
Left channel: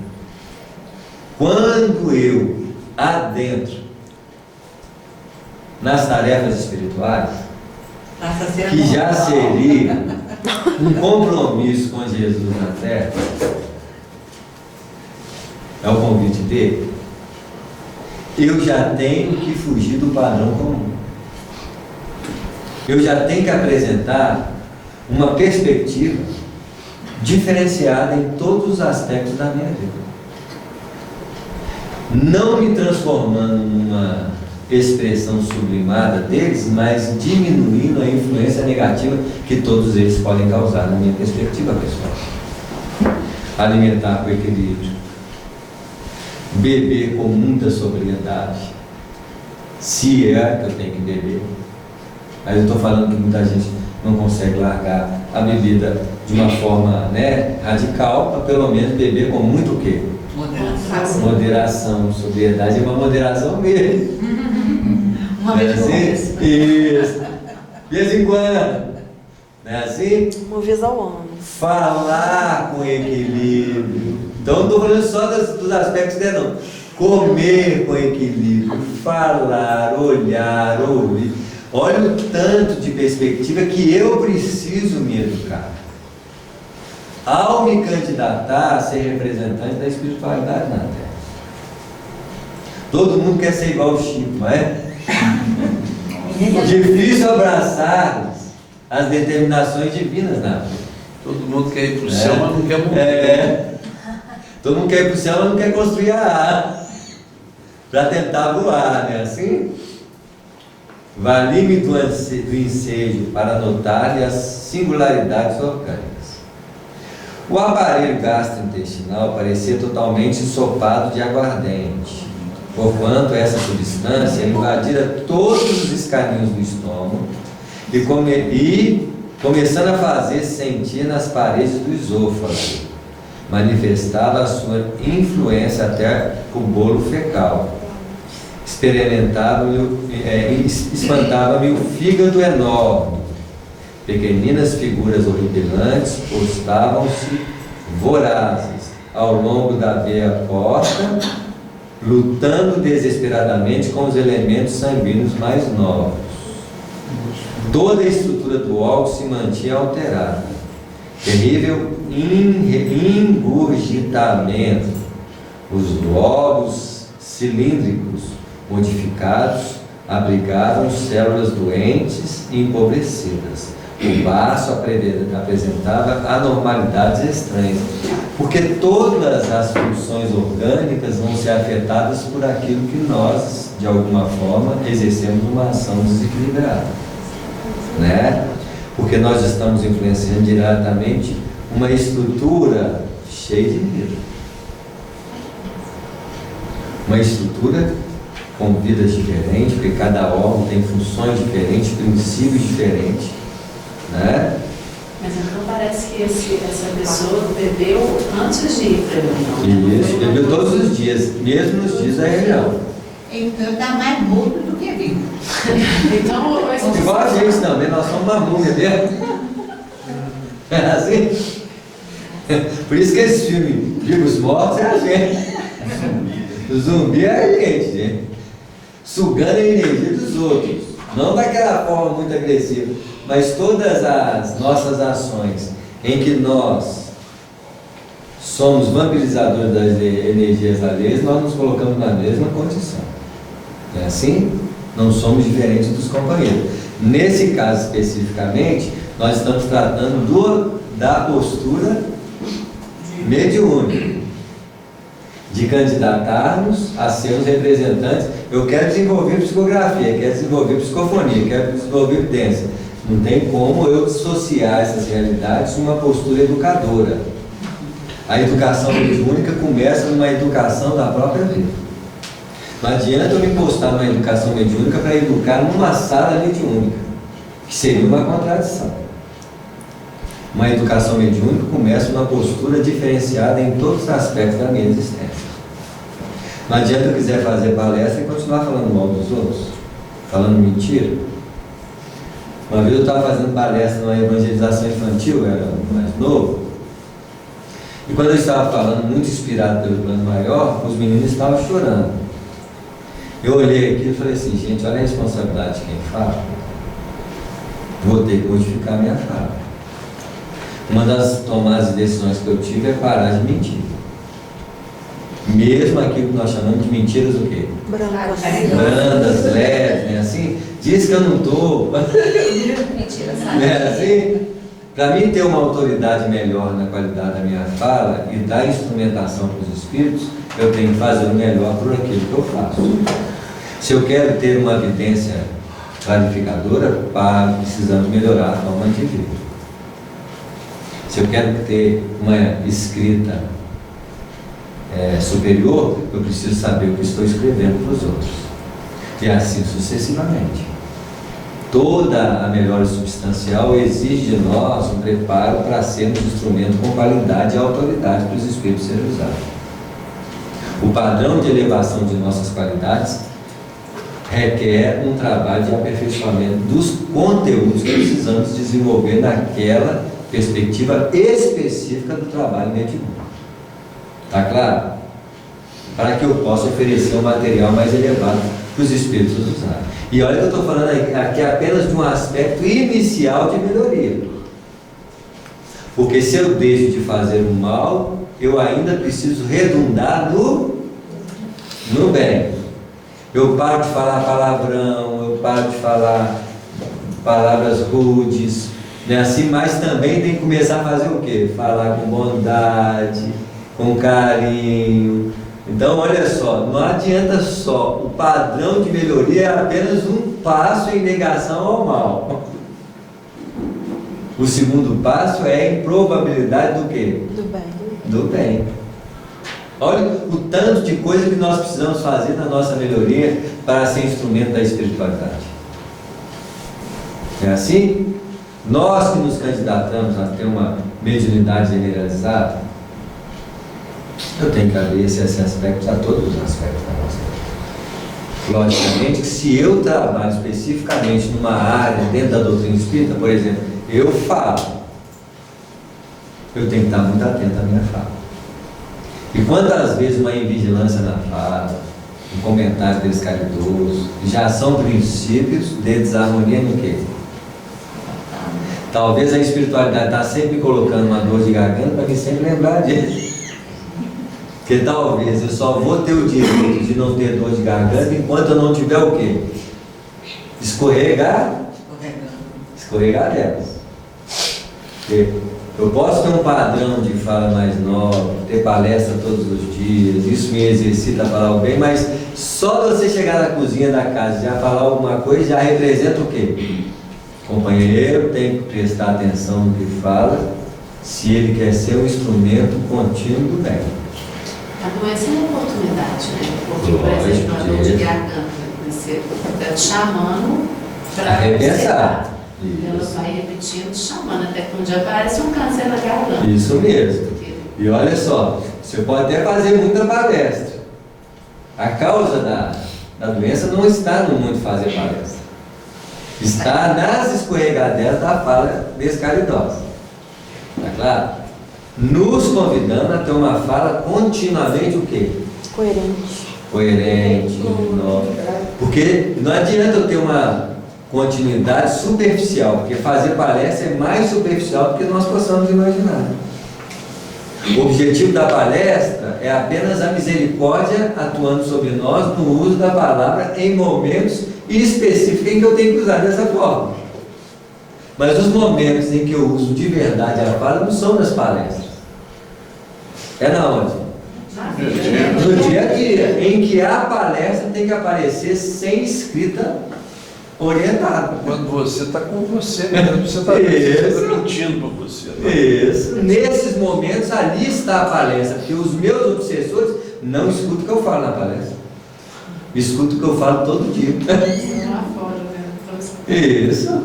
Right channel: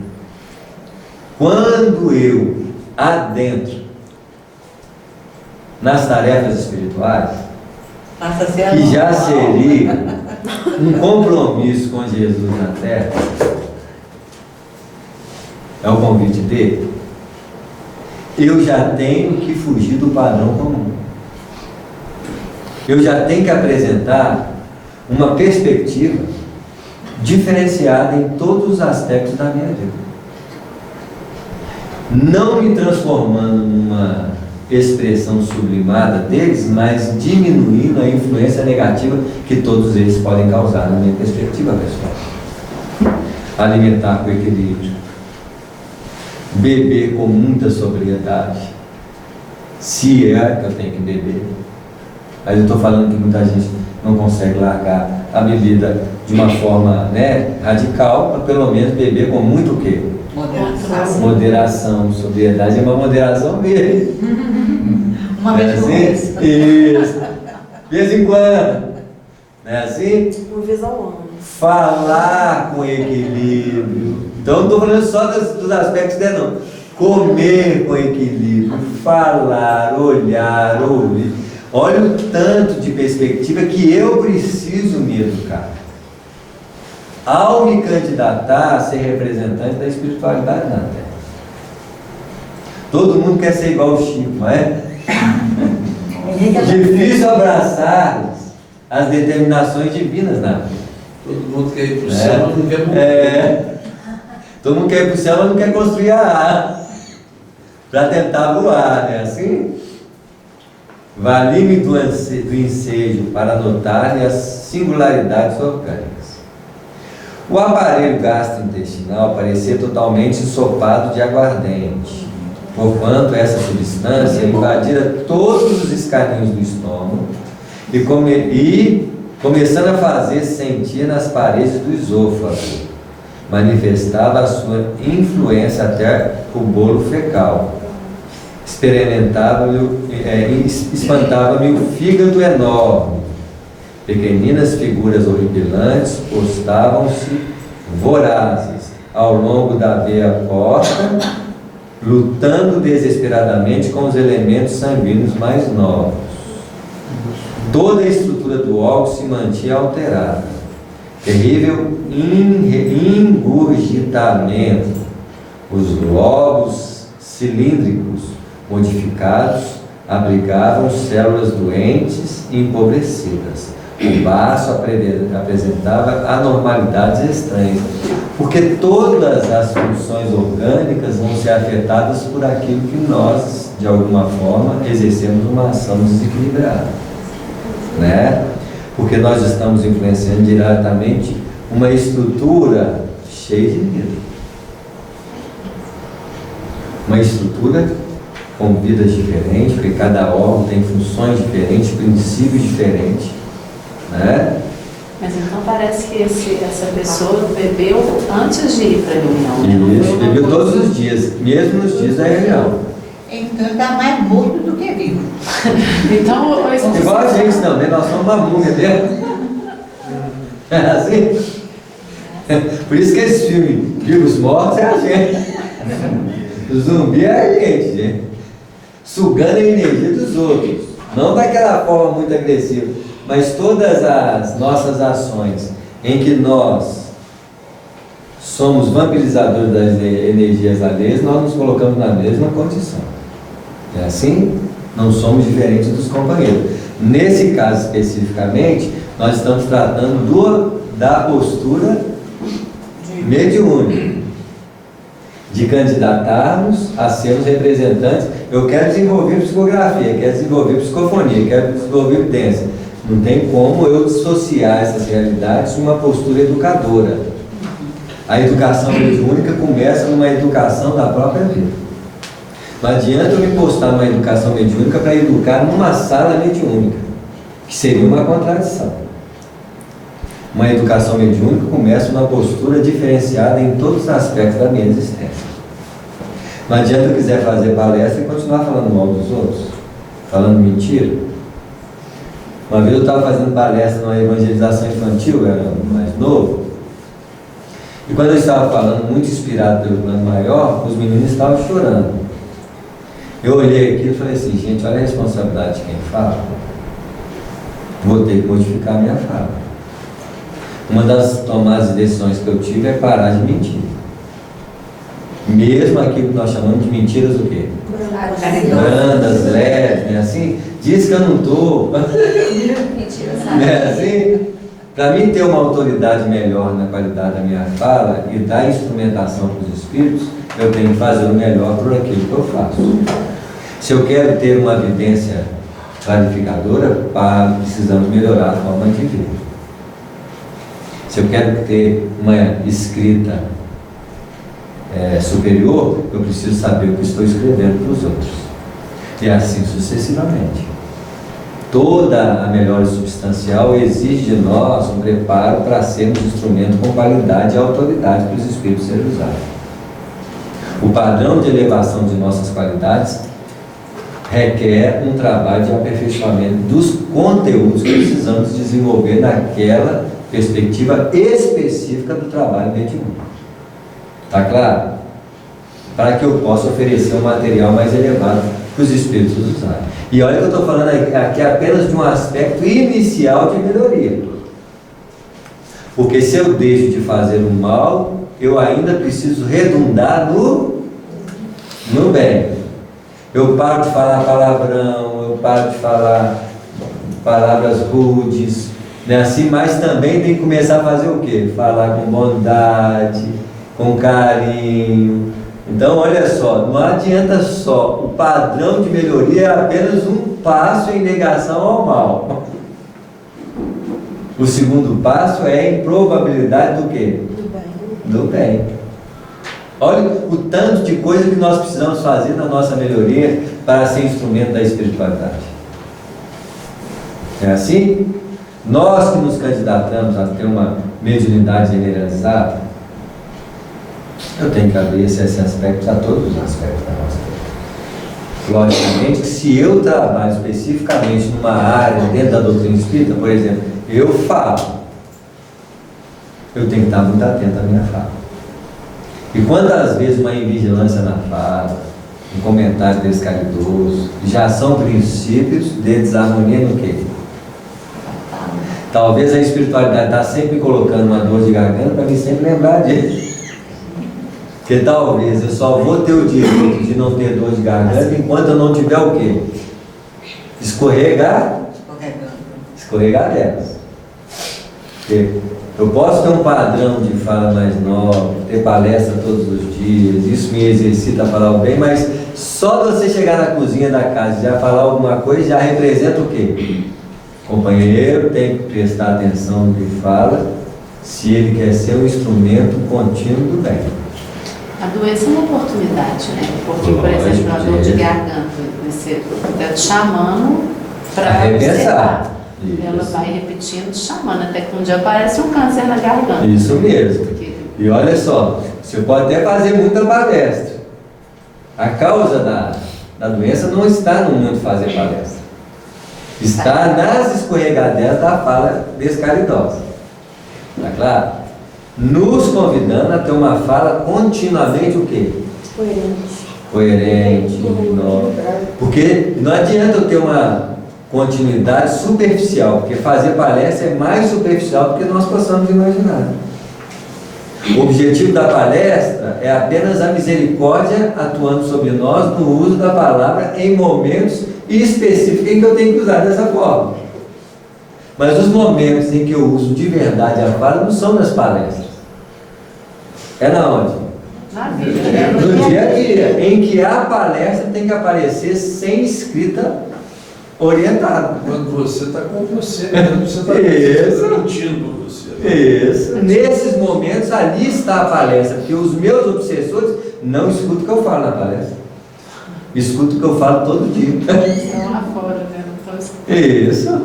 quando eu adentro nas tarefas espirituais, que já seria um compromisso com Jesus na terra, é o convite dele, eu já tenho que fugir do padrão comum. Eu já tenho que apresentar uma perspectiva diferenciada em todos os aspectos da minha vida. Não me transformando numa expressão sublimada deles, mas diminuindo a influência negativa que todos eles podem causar na minha perspectiva pessoal. Alimentar com equilíbrio, beber com muita sobriedade, se é que eu tenho que beber. Mas eu estou falando que muita gente não consegue largar a bebida de uma forma, né, radical, mas pelo menos beber com muito o quê? Moderação, sobriedade é uma moderação mesmo. Uma vez por mês. Isso. De vez em quando. Não é assim? Uma vez ao ano. Falar com equilíbrio. Então não estou falando só dos aspectos dele, não. Comer com equilíbrio, falar, olhar, ouvir. Olha o tanto de perspectiva que eu preciso me educar. Ao me candidatar a ser representante da espiritualidade na Terra. Todo mundo quer ser igual ao Chico, não é? Difícil abraçar as determinações divinas na vida. Todo mundo quer ir para o céu, mas não quer morrer. Todo mundo quer ir para o céu, mas não quer construir a asa para tentar voar, não é assim? Vali-me do ensejo para notar as singularidades orgânicas. O aparelho gastrointestinal parecia totalmente ensopado de aguardente, porquanto essa substância invadira todos os escaninhos do estômago e começando a fazer sentir nas paredes do esôfago, manifestava a sua influência até o bolo fecal. Espantava-me o fígado enorme. Pequeninas figuras horripilantes postavam-se vorazes ao longo da veia porta, lutando desesperadamente com os elementos sanguíneos mais novos. Toda a estrutura do órgão se mantinha alterada. Terrível engurgitamento. Os lobos cilíndricos modificados abrigavam células doentes e empobrecidas. O baço apresentava anormalidades estranhas, porque todas as funções orgânicas vão ser afetadas por aquilo que nós, de alguma forma, exercemos uma ação desequilibrada, né? Porque nós estamos influenciando diretamente uma estrutura cheia de vida, uma estrutura com vidas diferentes, porque cada órgão tem funções diferentes, princípios diferentes, né? Mas então parece que essa pessoa bebeu antes de ir para a reunião, né? Isso, bebeu todos os dias, mesmo nos dias da reunião. Então está mais morto do que vivo. Então, Igual a gente também, nós somos uma múmia mesmo. É assim? Por isso que esse filme, Vivos Mortos, é a gente. O zumbi é a gente. Sugando a energia dos outros. Não daquela forma muito agressiva, mas todas as nossas ações em que nós somos vampirizadores das energias alheias, nós nos colocamos na mesma condição. É assim? Não somos diferentes dos companheiros. Nesse caso especificamente, nós estamos tratando da postura mediúnica, de candidatarmos a sermos representantes. Eu quero desenvolver psicografia, quero desenvolver psicofonia, quero desenvolver evidência. Não tem como eu dissociar essas realidades de uma postura educadora. A educação mediúnica começa numa educação da própria vida. Não adianta eu me postar numa educação mediúnica para educar numa sala mediúnica, que seria uma contradição. Uma educação mediúnica começa numa postura diferenciada em todos os aspectos da minha existência. Não adianta eu quiser fazer palestra e continuar falando mal dos outros, falando mentira. Uma vez eu estava fazendo palestra numa evangelização infantil, eu era mais novo, e quando eu estava falando, muito inspirado pelo plano maior, os meninos estavam chorando. Eu olhei aqui e falei assim, gente, olha a responsabilidade de quem fala. Vou ter que modificar a minha fala. Uma das tomadas de decisões que eu tive é parar de mentir. Mesmo aquilo que nós chamamos de mentiras o quê? Brandas, leves, né? Assim, diz que eu não estou. Mentira, sabe? É assim? Para mim ter uma autoridade melhor na qualidade da minha fala e dar instrumentação para os espíritos, eu tenho que fazer o melhor por aquilo que eu faço. Se eu quero ter uma evidência clarificadora, precisamos melhorar a forma de ver. Se eu quero ter uma escrita superior, eu preciso saber o que estou escrevendo para os outros. E assim sucessivamente. Toda a melhora substancial exige de nós um preparo para sermos instrumento com qualidade e autoridade para os espíritos serem usados. O padrão de elevação de nossas qualidades requer um trabalho de aperfeiçoamento dos conteúdos que precisamos desenvolver naquela perspectiva específica do trabalho mediúnico. Está claro? Para que eu possa oferecer um material mais elevado para os espíritos usarem. E olha que eu estou falando aqui apenas de um aspecto inicial de melhoria. Porque se eu deixo de fazer o mal, eu ainda preciso redundar no bem. Eu paro de falar palavrão, eu paro de falar palavras rudes, né? Assim, mas também tem que começar a fazer o quê? Falar com bondade, com carinho. Então, olha só, não adianta só, o padrão de melhoria é apenas um passo em negação ao mal. O segundo passo é a improbabilidade do quê? Do bem. Do bem. Olha o tanto de coisa que nós precisamos fazer na nossa melhoria para ser instrumento da espiritualidade. É assim? Nós que nos candidatamos a ter uma mediunidade generalizada, eu tenho que abrir esse aspecto a todos os aspectos da nossa vida. Logicamente que se eu trabalho especificamente numa área dentro da doutrina espírita, por exemplo, eu falo, eu tenho que estar muito atento à minha fala. E quantas vezes uma invigilância na fala, um comentário descaridoso, já são princípios de desarmonia no quê? Talvez a espiritualidade está sempre colocando uma dor de garganta para mim sempre lembrar disso. Porque talvez eu só vou ter o direito de não ter dor de garganta enquanto eu não tiver o quê? Escorregar delas. Porque eu posso ter um padrão de fala mais nova, ter palestra todos os dias, isso me exercita a falar o bem, mas só de você chegar na cozinha da casa e já falar alguma coisa, já representa o quê? O companheiro tem que prestar atenção no que fala, se ele quer ser um instrumento contínuo do bem. A doença é uma oportunidade, né? Porque, por exemplo, uma dor de garganta, você está te chamando para repensar. Ela vai repetindo, chamando, até que um dia aparece um câncer na garganta. Isso mesmo. E olha só, você pode até fazer muita palestra. A causa da doença não está no muito fazer palestra. Está nas escorregadeiras da fala descaridosa. Está claro? Nos convidando a ter uma fala continuamente o quê? Coerente. Porque não adianta eu ter uma continuidade superficial, porque fazer palestra é mais superficial do que nós possamos imaginar. O objetivo da palestra é apenas a misericórdia atuando sobre nós no uso da palavra em momentos específicos em que eu tenho que usar dessa forma. Mas os momentos em que eu uso de verdade a fala não são nas palestras. É na onde? Na vida. No dia a dia, em que a palestra tem que aparecer sem escrita orientada. Quando você está com você, mesmo, você está mentindo para você. Né? Isso. Nesses momentos, ali está a palestra, porque os meus obsessores não escutam o que eu falo na palestra. Escutam o que eu falo todo dia. Estão lá fora, né? Isso.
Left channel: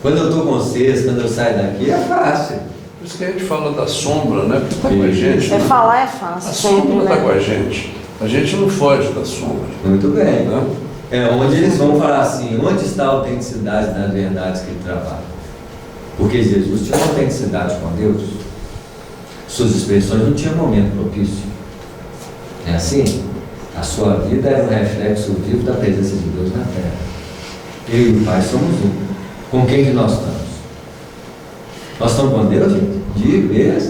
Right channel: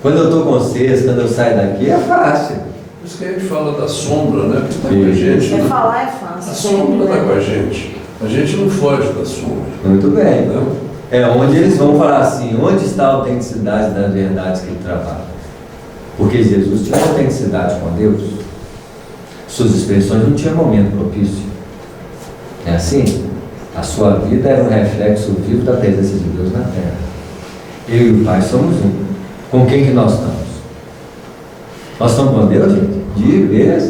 Quando eu estou com vocês, quando eu saio daqui, é fácil. Por isso que a gente fala da sombra, né? Porque está com a gente. É né? falar é fácil. A sombra está com a gente. A gente não foge da sombra. Muito bem. Né? É onde eles vão falar assim, onde está a autenticidade das verdades que ele trabalha? Porque Jesus tinha uma autenticidade com Deus. Suas expressões não tinham momento propício. É assim? A sua vida era um reflexo vivo da presença de Deus na terra. Eu e o Pai somos um. Com quem que nós estamos? Nós estamos com Deus, gente? De vez.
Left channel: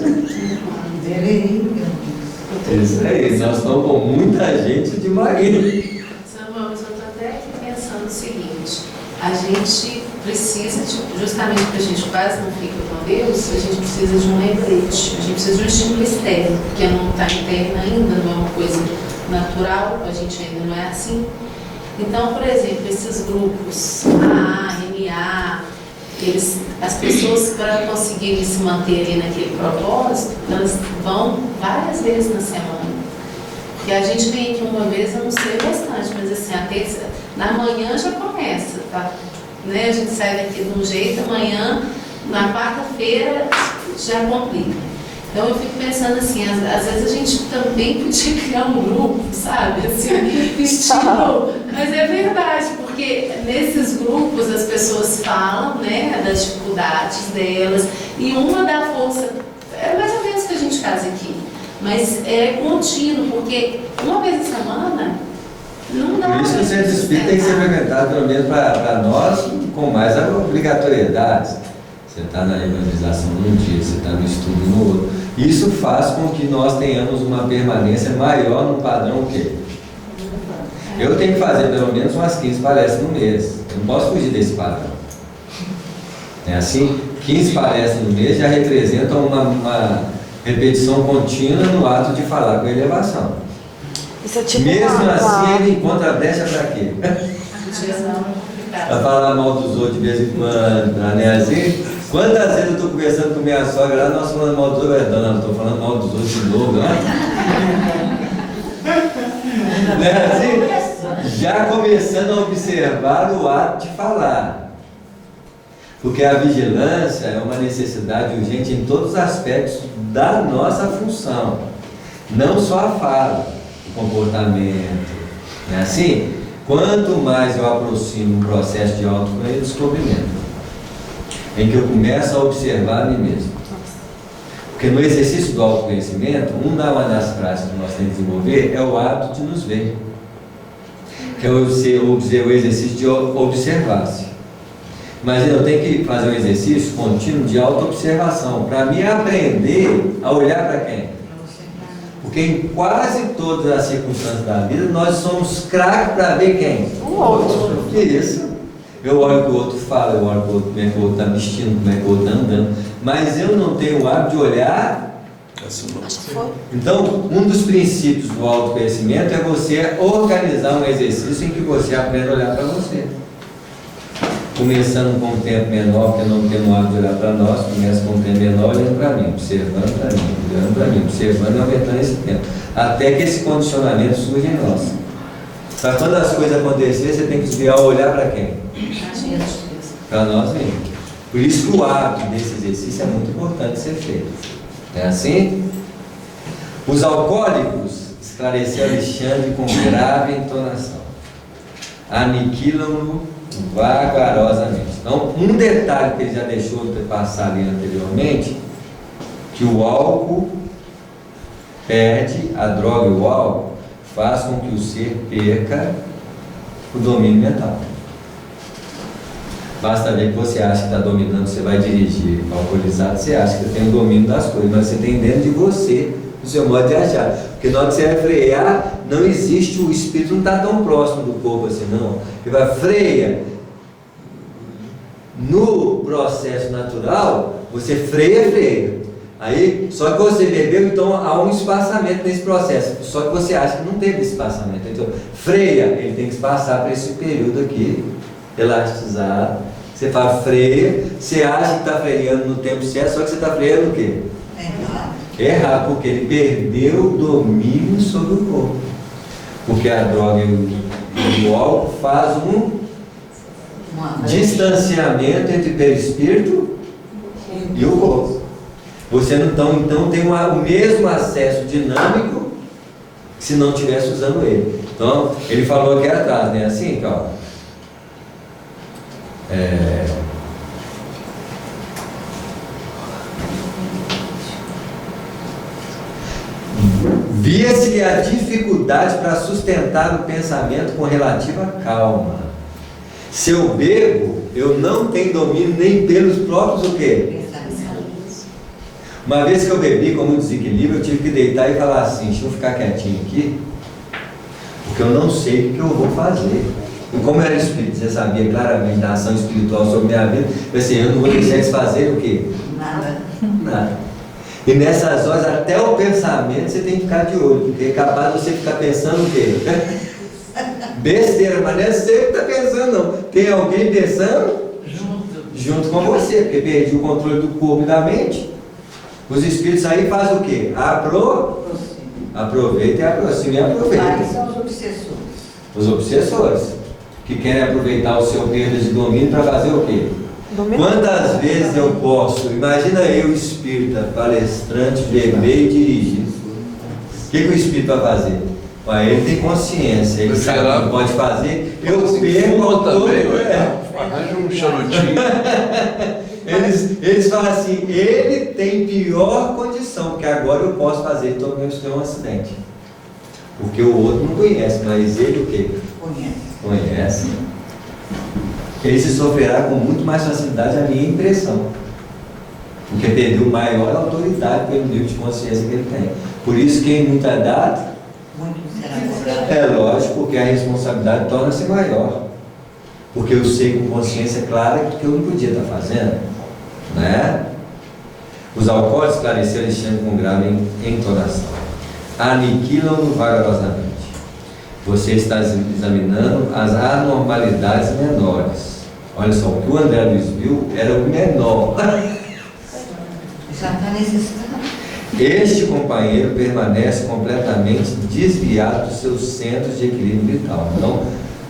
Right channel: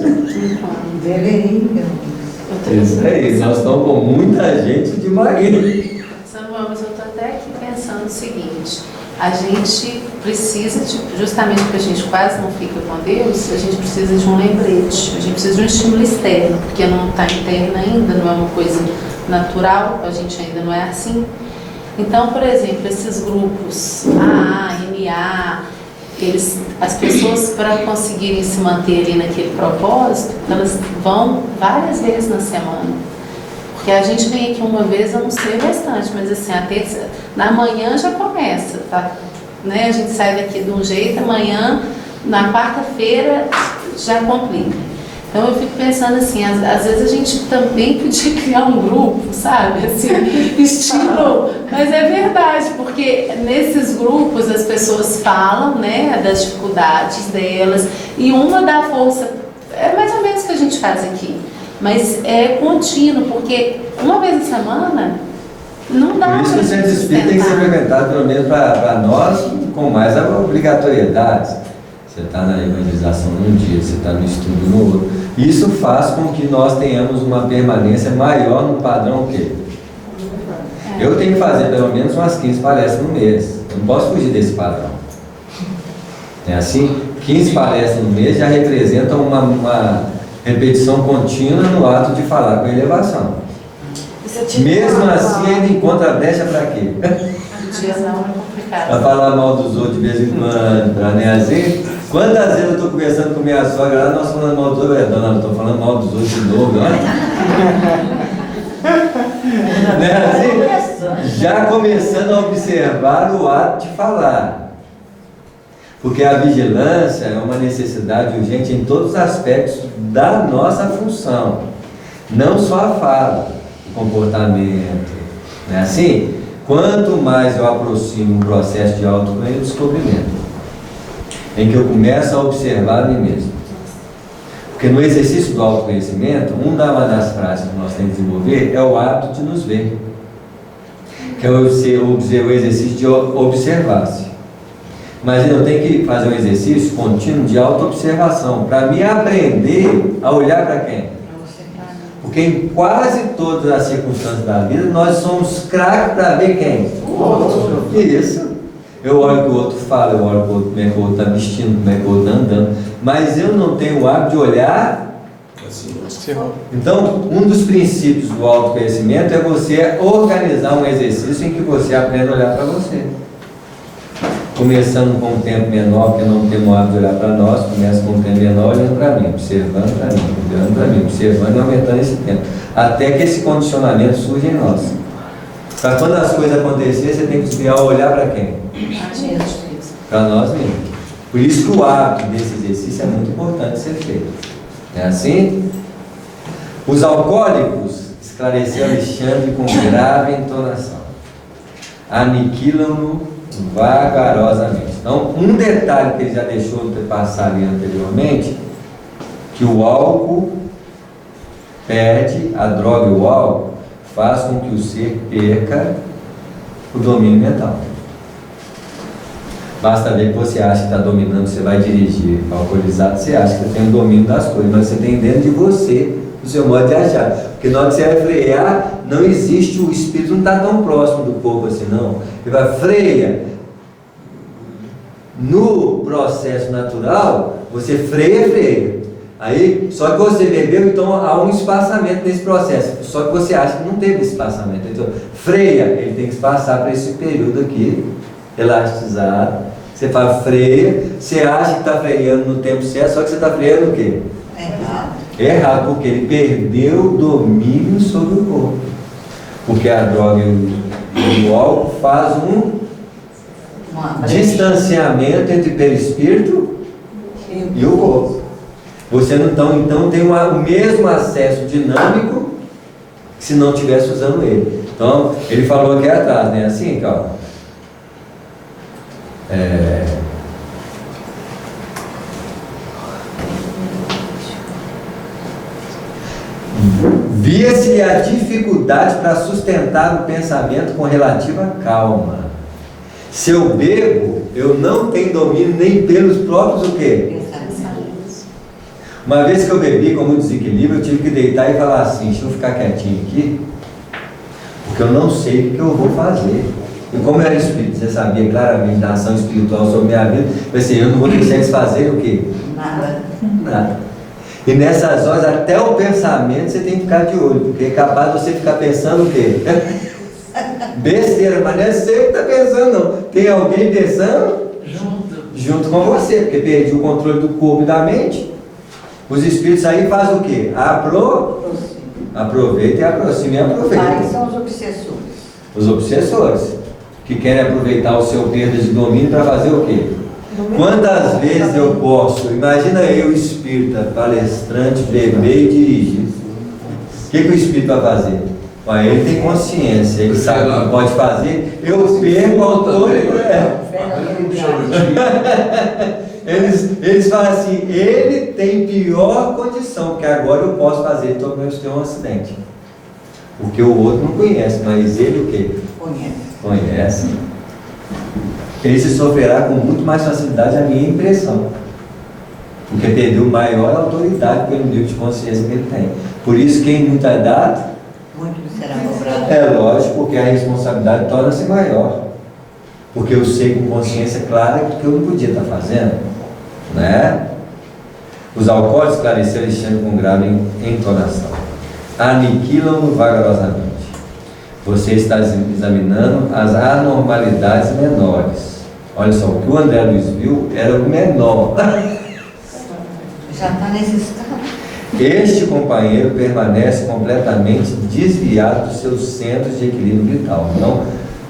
Isso aí, nós estamos com muita gente de Maria. Samuel, mas eu estou até aqui pensando o seguinte: a gente precisa, justamente porque a gente quase não fica com Deus, a gente precisa de um lembrete, a gente precisa de um estímulo externo, porque não está interno ainda, não é uma coisa natural, a gente ainda não é assim. Então, por exemplo, esses grupos AA, NA, as pessoas, para conseguirem se manter ali naquele propósito, elas vão várias vezes na semana. Porque a gente vem aqui uma vez, eu não sei o restante, mas assim, a terça, na manhã já começa, tá? Né? A gente sai daqui de um jeito, amanhã, na quarta-feira, já complica. Então eu fico pensando assim, às vezes a gente também podia criar um grupo, sabe? Assim, estilo. Mas é verdade, porque nesses grupos as pessoas falam, né, das dificuldades delas, e uma dá força, é mais ou menos o que a gente faz aqui. Mas é contínuo, porque uma vez na semana não dá. Por isso que o centro espírita tem que ser implementado, pelo menos para nós, com mais obrigatoriedades. Você está na evangelização num dia, você está no estudo no outro. Isso faz com que nós tenhamos uma permanência maior no padrão quê? Eu tenho que fazer pelo menos umas 15 palestras no mês. Eu não posso fugir desse padrão. É assim? 15 palestras no mês já representam uma repetição contínua no ato de falar com elevação. Mesmo assim, ele encontra a brecha para quê? Para falar mal dos outros de vez em quando, para nem assim. Quantas vezes eu estou conversando com minha sogra lá, nós falando mal dos outros, não estou falando mal dos outros de novo, não é? Não é assim? Já começando a observar o ato de falar. Porque a vigilância é uma necessidade urgente em todos os aspectos da nossa função. Não só a fala, o comportamento. Não é assim? Quanto mais eu aproximo um processo de autodescobrimento, em que eu começo a observar a mim mesmo. Porque no exercício do autoconhecimento, uma das práticas que nós temos que desenvolver é o hábito de nos ver. Que é o exercício de observar-se. Mas eu tenho que fazer um exercício contínuo de auto-observação, para me aprender a olhar para quem? Porque em quase todas as circunstâncias da vida, nós somos craques para ver quem? O outro. Isso. Eu olho o que o outro fala, eu olho como é que o outro está vestindo, como é que o outro está andando, mas eu não tenho o hábito de olhar. Então, um dos princípios do autoconhecimento é você organizar um exercício em que você aprenda a olhar para você. Começando com um tempo menor, porque não temos o hábito de olhar para nós, começa com um tempo menor olhando para mim, observando para mim, olhando para mim, observando e aumentando esse tempo, até que esse condicionamento surja em nós. Para quando as coisas acontecerem, você tem que desviar o olhar para quem? para nós mesmos. Por isso que o hábito desse exercício é muito importante ser feito. Não é assim? Os alcoólicos, esclareceu Alexandre com grave entonação, aniquilam-no vagarosamente. Então, um detalhe que ele já deixou de passar ali anteriormente, que o álcool perde, a droga e o álcool faz com que o ser perca o domínio mental. Basta ver que você acha que está dominando, você vai dirigir alcoolizado, você acha que você tem o domínio das coisas, mas você tem dentro de você o seu modo de achar. Porque na hora que você vai frear, não existe, o espírito não está tão próximo do corpo assim, não. Ele vai freia. No processo natural, você freia. Aí, só que você bebeu, então há um espaçamento nesse processo. Só que você acha que não teve espaçamento. Então, freia, ele tem que passar para esse período aqui, elastizado. Você fala freia, você acha que está freando no tempo certo, só que você está freando o quê? Errado, porque ele perdeu o domínio sobre o corpo. Porque a droga e o álcool faz um distanciamento entre o perispírito e o corpo. Você não então tem o mesmo acesso dinâmico que se não estivesse usando ele. Então, ele falou aqui atrás, né? Assim, calma. Via-se a dificuldade para sustentar o pensamento com relativa calma. Se eu bebo, eu não tenho domínio nem pelos próprios o quê? Uma vez que eu bebi com muito desequilíbrio, eu tive que deitar e falar assim, deixa eu ficar quietinho aqui, porque eu não sei o que eu vou fazer. E como eu era espírito, você sabia claramente da ação espiritual sobre minha vida, eu pensei, eu não vou deixar eles fazerem o quê? Nada. E nessas horas, até o pensamento você tem que ficar de olho, porque é capaz de você ficar pensando o quê? Besteira, mas não é você que está pensando, não. Tem alguém pensando junto com você, porque perdi o controle do corpo e da mente. Os espíritos aí fazem o quê? Aproveita e aproxima e aproveita. Quais são os obsessores? Os obsessores, que querem aproveitar o seu perda de domínio para fazer o quê? Quantas vezes eu posso, imagina eu, espírita, palestrante, beber e dirigir. O que o espírito vai fazer? Mas ele tem consciência, ele sabe o que pode fazer. Eu perco o controle. Eles falam assim, ele tem pior condição, porque agora eu posso fazer, então eu tenho um acidente. Porque o outro não conhece, mas ele o quê? Conhece. Ele se sofrerá com muito mais facilidade, a minha impressão. Porque perdeu maior autoridade pelo nível de consciência que ele tem. Por isso que em muita data, muito será cobrado. É lógico, porque a responsabilidade torna-se maior. Porque eu sei com consciência clara que eu não podia estar fazendo. Né? Os alcoólicos, esclareceu Alexandre com grave entonação, aniquilam-no vagarosamente. Você está examinando as anormalidades menores. Olha só, o que o André Luiz viu era o menor. Já está nesse estado. Este companheiro permanece completamente desviado dos seus centros de equilíbrio vital. Então,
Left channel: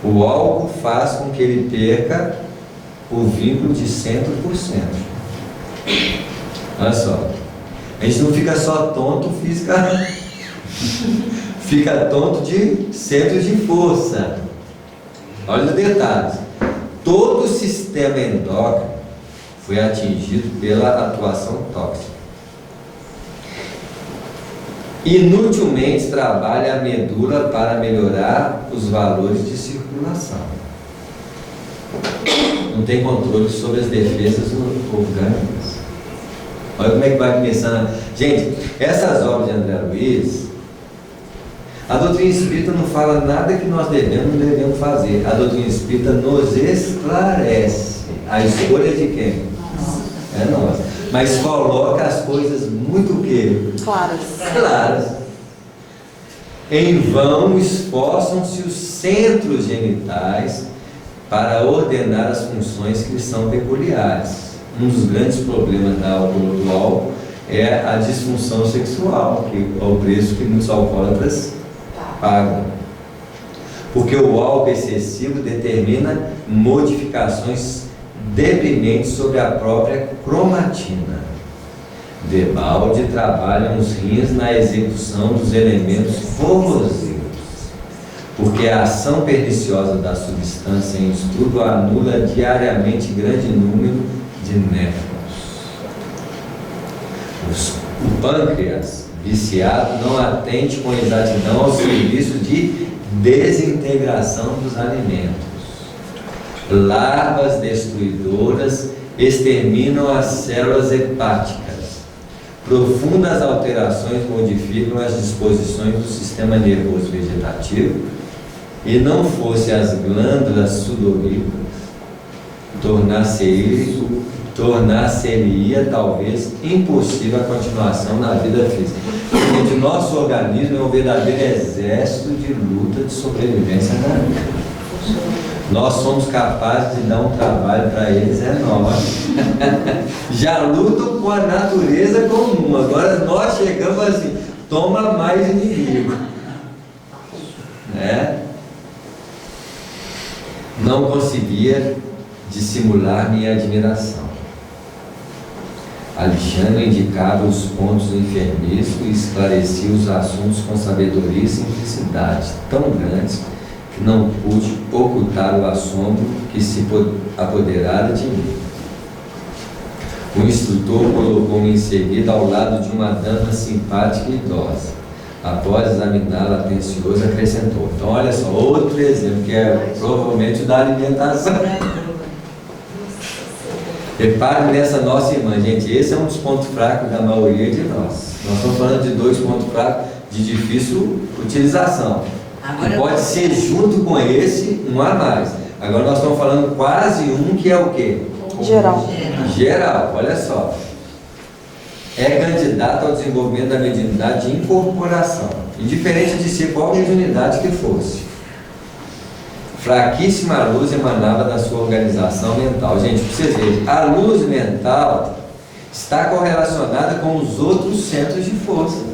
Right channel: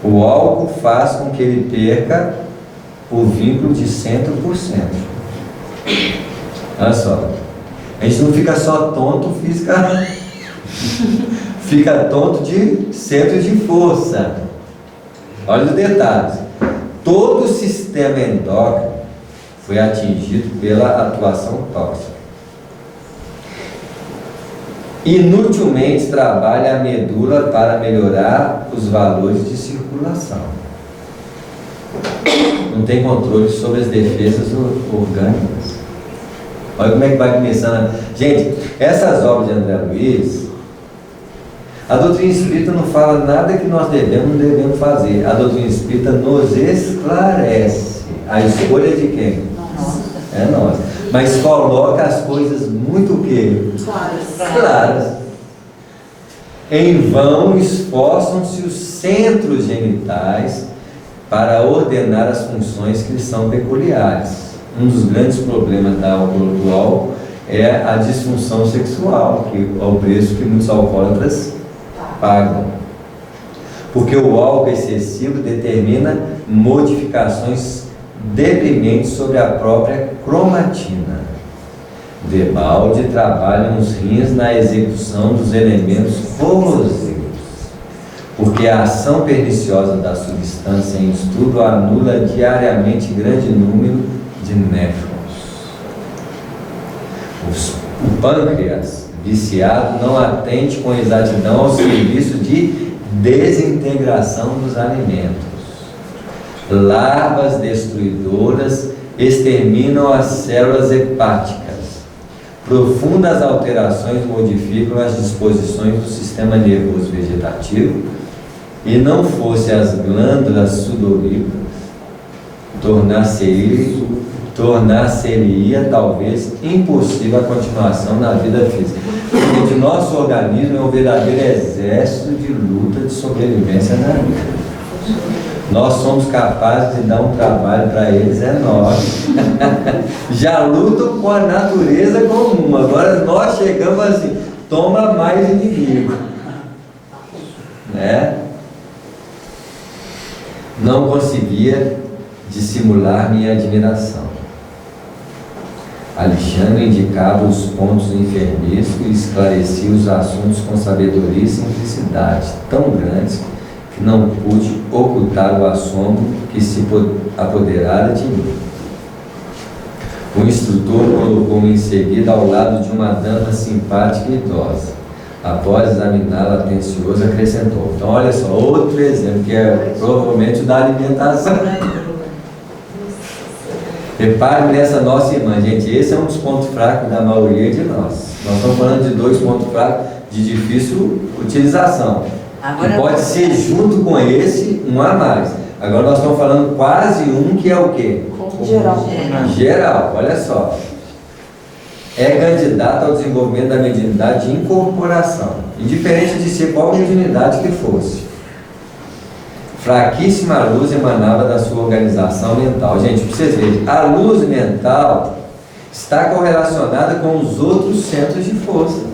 o álcool faz com que ele perca o vínculo de 100%. Olha só, a gente não fica só tonto fisicamente. Fica tonto de centro de força. Olha os detalhes. Todo o sistema endócrino foi atingido pela atuação tóxica. Inutilmente trabalha a medula para melhorar os valores de circulação. Não tem controle sobre as defesas orgânicas. Olha como é que vai começando. Gente, essas obras de André Luiz, a doutrina espírita não fala nada que nós devemos ou não devemos fazer. A doutrina espírita nos esclarece. A escolha de quem? É nossa. Mas coloca as coisas muito claras. Em vão esforçam-se os centros genitais para ordenar as funções que lhes são peculiares. Um dos grandes problemas do álcool é a disfunção sexual, que é o preço que muitos alcoólatras pagam. Porque o álcool excessivo determina modificações deprimente sobre a própria cromatina. Debalde trabalham os rins na execução dos elementos corrosivos, porque a ação perniciosa da substância em estudo anula diariamente grande número de néfrons. O pâncreas viciado não atende com exatidão ao serviço de desintegração dos alimentos. Larvas destruidoras exterminam as células hepáticas. Profundas alterações modificam as disposições do sistema nervoso vegetativo, e não fosse as glândulas sudoríparas, tornar-se-ia talvez impossível a continuação na vida física. Porque de nosso organismo é um verdadeiro exército de luta de sobrevivência na vida. Nós somos capazes de dar um trabalho para eles enorme. Já lutam com a natureza comum. Agora nós chegamos assim, toma mais inimigo. Né? Não conseguia dissimular minha admiração. Alexandre indicava os pontos enfermizos e esclarecia os assuntos com sabedoria e simplicidade tão grandes que não pude ocultar o assombro que se apoderara de mim. O instrutor colocou-me em seguida ao lado de uma dama simpática e idosa. Após examiná-la atencioso, acrescentou. Então, olha só, outro exemplo, que é provavelmente o da alimentação. Repare nessa nossa irmã, gente, esse é um dos pontos fracos da maioria de nós. Nós estamos falando de 2 pontos fracos de difícil utilização. Agora, que pode ser junto com esse, um a mais. Agora nós estamos falando quase um que é o quê? Geral. Geral, olha só. É candidato ao desenvolvimento da mediunidade de incorporação, indiferente de ser qual mediunidade que fosse. Fraquíssima luz emanava da sua organização mental. Gente, para vocês verem, a luz mental está correlacionada com os outros centros de força.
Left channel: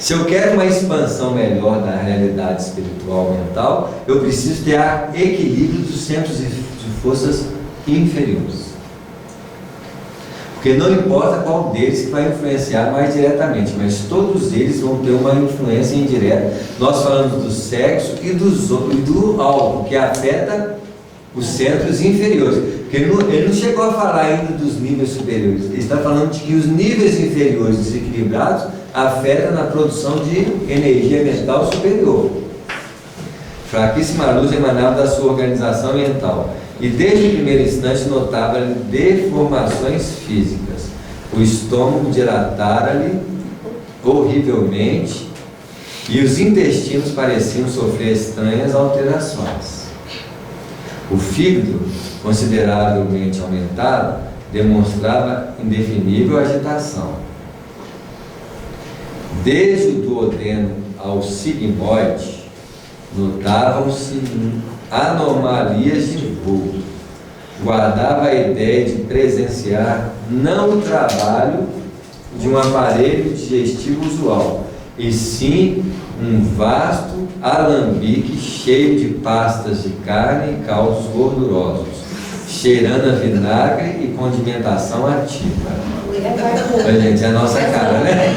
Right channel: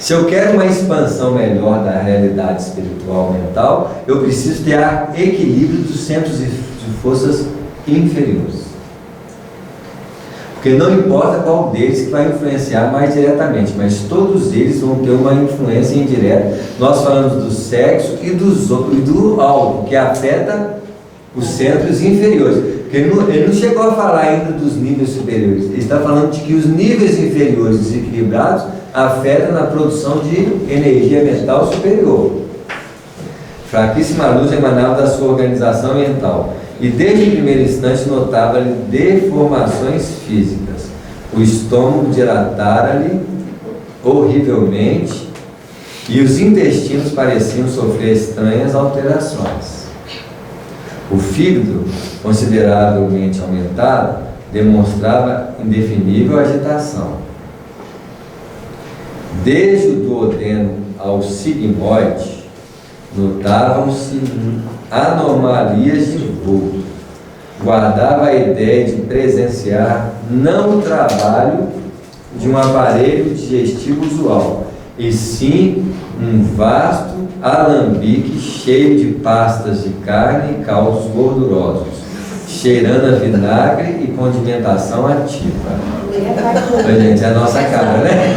Se eu quero uma expansão melhor da realidade espiritual mental, eu preciso ter equilíbrio dos centros de forças inferiores. Porque não importa qual deles que vai influenciar mais diretamente, mas todos eles vão ter uma influência indireta. Nós falamos do sexo e do álcool, que afeta os centros inferiores. Porque ele não chegou a falar ainda dos níveis superiores. Ele está falando de que os níveis inferiores desequilibrados afetam na produção de energia mental superior. Fraquíssima luz emanava da sua organização mental. E desde o primeiro instante notava-lhe deformações físicas. O estômago dilatara-lhe horrivelmente e os intestinos pareciam sofrer estranhas alterações. O fígado, consideravelmente aumentado, demonstrava indefinível agitação. Desde o duodeno ao sigmoide, notavam-se anomalias de vulto. Guardava a ideia de presenciar não o trabalho de um aparelho digestivo usual, e sim um vasto alambique cheio de pastas de carne e caldos gordurosos, cheirando a vinagre e condimentação ativa. Gente, é a nossa cara, né?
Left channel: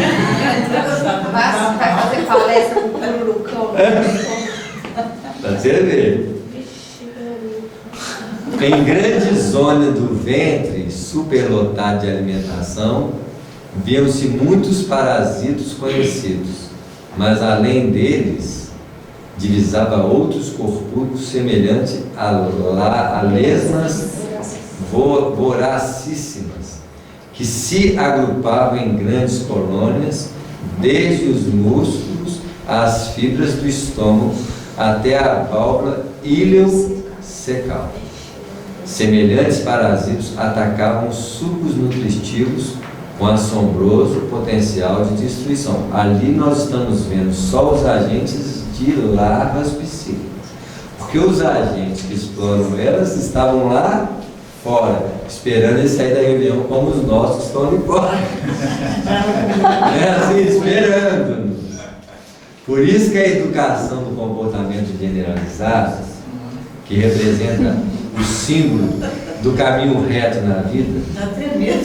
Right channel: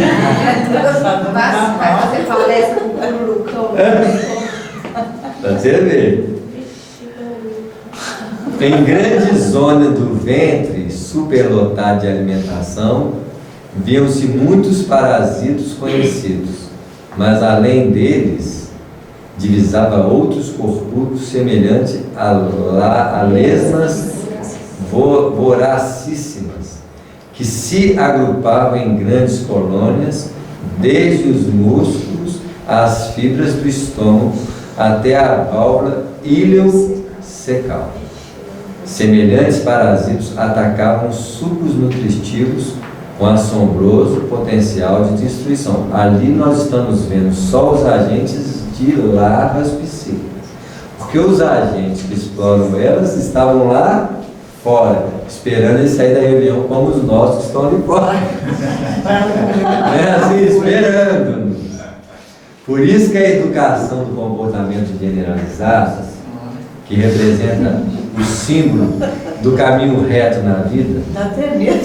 Vai fazer palestra com o Pururucão. Pra você ver. Em grande zona do ventre, superlotado de alimentação, viam-se muitos parasitos conhecidos, mas além deles, divisava outros corpúsculos semelhantes a lesmas voracíssimas, que se agrupavam em grandes colônias, desde os músculos às fibras do estômago, até a válvula iliocecal. Semelhantes parasitos atacavam sucos nutritivos com assombroso potencial de destruição. Ali nós estamos vendo só os agentes de larvas psíquicas, porque os agentes que exploram elas estavam lá fora, esperando eles sair da reunião, como os nossos que estão ali fora. É assim, esperando. Por isso que a educação do comportamento generalizado, que representa o símbolo do caminho reto na vida. Dá até medo.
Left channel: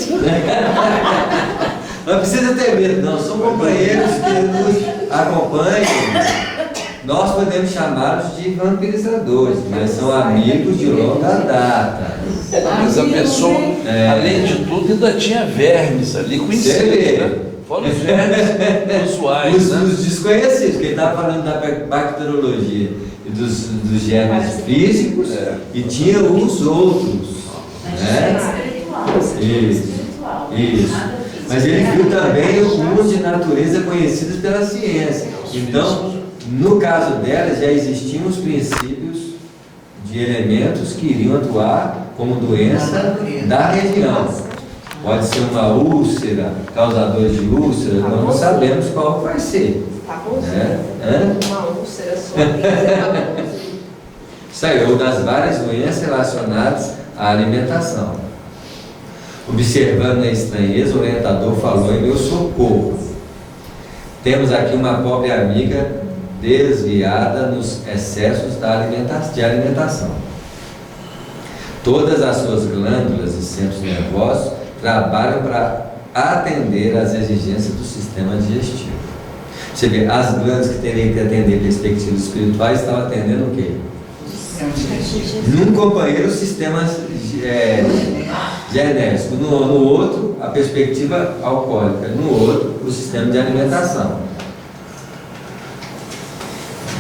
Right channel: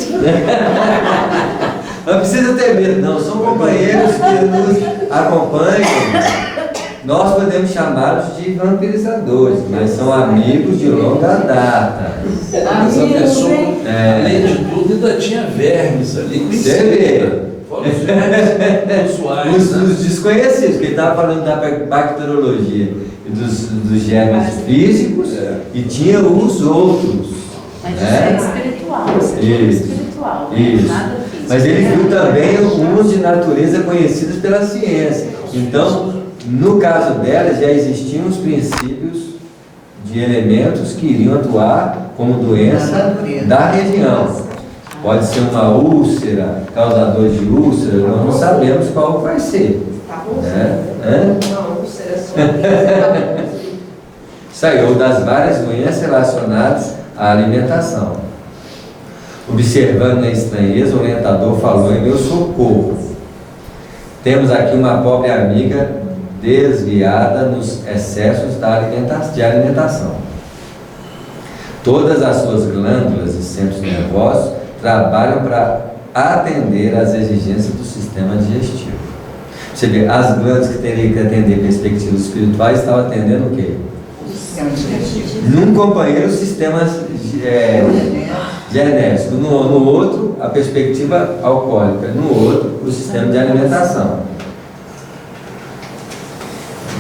Não precisa ter medo, não. São companheiros que nos acompanham. Nós podemos chamá-los de vampirizadores, mas são amigos de longa data. Mas a pessoa, além de tudo, ainda tinha vermes ali Você vê. Fora os vermes usuais, né? Os desconhecidos, que ele estava falando da bacteriologia e dos germes físicos, e tinha os outros. Mas isso é espiritual, espiritual. Isso. Nada físico. Mas ele viu também uns de natureza conhecidos pela ciência. Então, no caso dela, já existiam os princípios de elementos que iriam atuar como doença da região. Pode ser uma úlcera, causador de úlcera, nós não sabemos qual vai ser. Uma úlcera só. Saiu das várias doenças relacionadas à alimentação. Observando a estranheza, o orientador falou em meu socorro. Temos aqui uma pobre amiga desviada nos excessos de alimentação. Todas as suas glândulas e centros nervosos trabalham para atender às exigências do sistema digestivo. Você vê, as glândulas que teriam que atender perspectivas espirituais estavam atendendo o quê? Num companheiro, o sistema genético, no outro, a perspectiva alcoólica, no outro, o sistema de alimentação.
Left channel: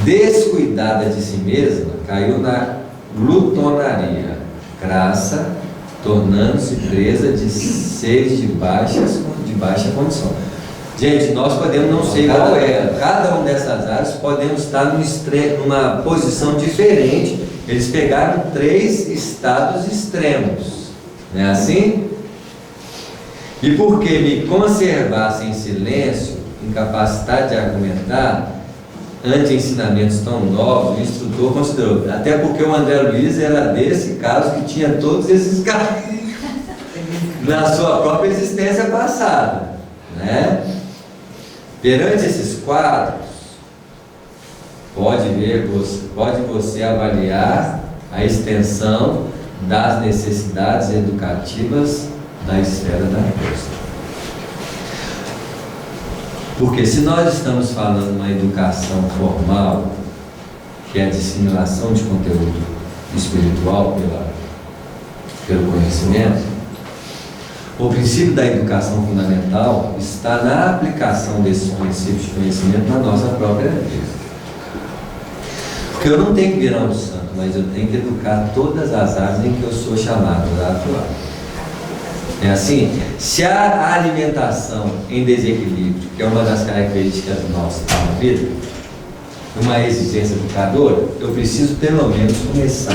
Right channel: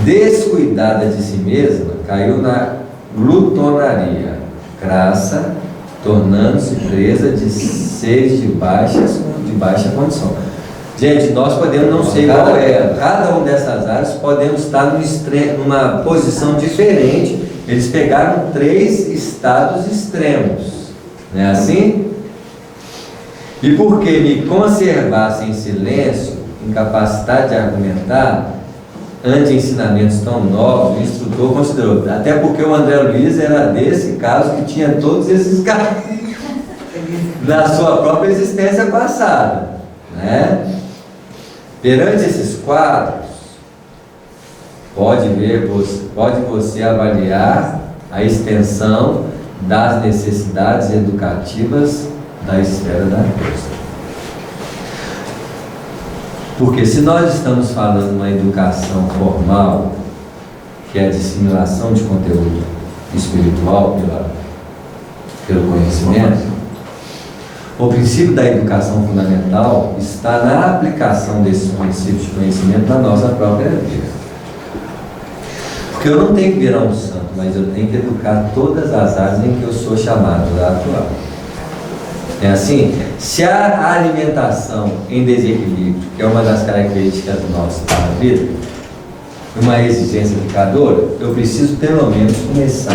Descuidada de si mesma, caiu na glutonaria crassa, tornando-se presa de seres de baixa condição. Gente, nós podemos não ser igual a ela. Cada uma dessas áreas podemos estar numa posição diferente. Eles pegaram 3 estados extremos. Não é assim? E porque me conservasse em silêncio, incapacidade de argumentar, ante ensinamentos tão novos, o instrutor considerou, até porque o André Luiz era desse caso que tinha todos esses casos na sua própria existência passada, né? Perante esses quadros, pode você avaliar a extensão das necessidades educativas da esfera da coisa. Porque se nós estamos falando de uma educação formal, que é a dissimulação de conteúdo espiritual pelo conhecimento, o princípio da educação fundamental está na aplicação desses princípios de conhecimento na nossa própria vida. Porque eu não tenho que virar um santo, mas eu tenho que educar todas as áreas em que eu sou chamado a atuar. É assim? Se a alimentação em desequilíbrio, que é uma das características nossas da vida, uma exigência educadora, eu preciso pelo menos começar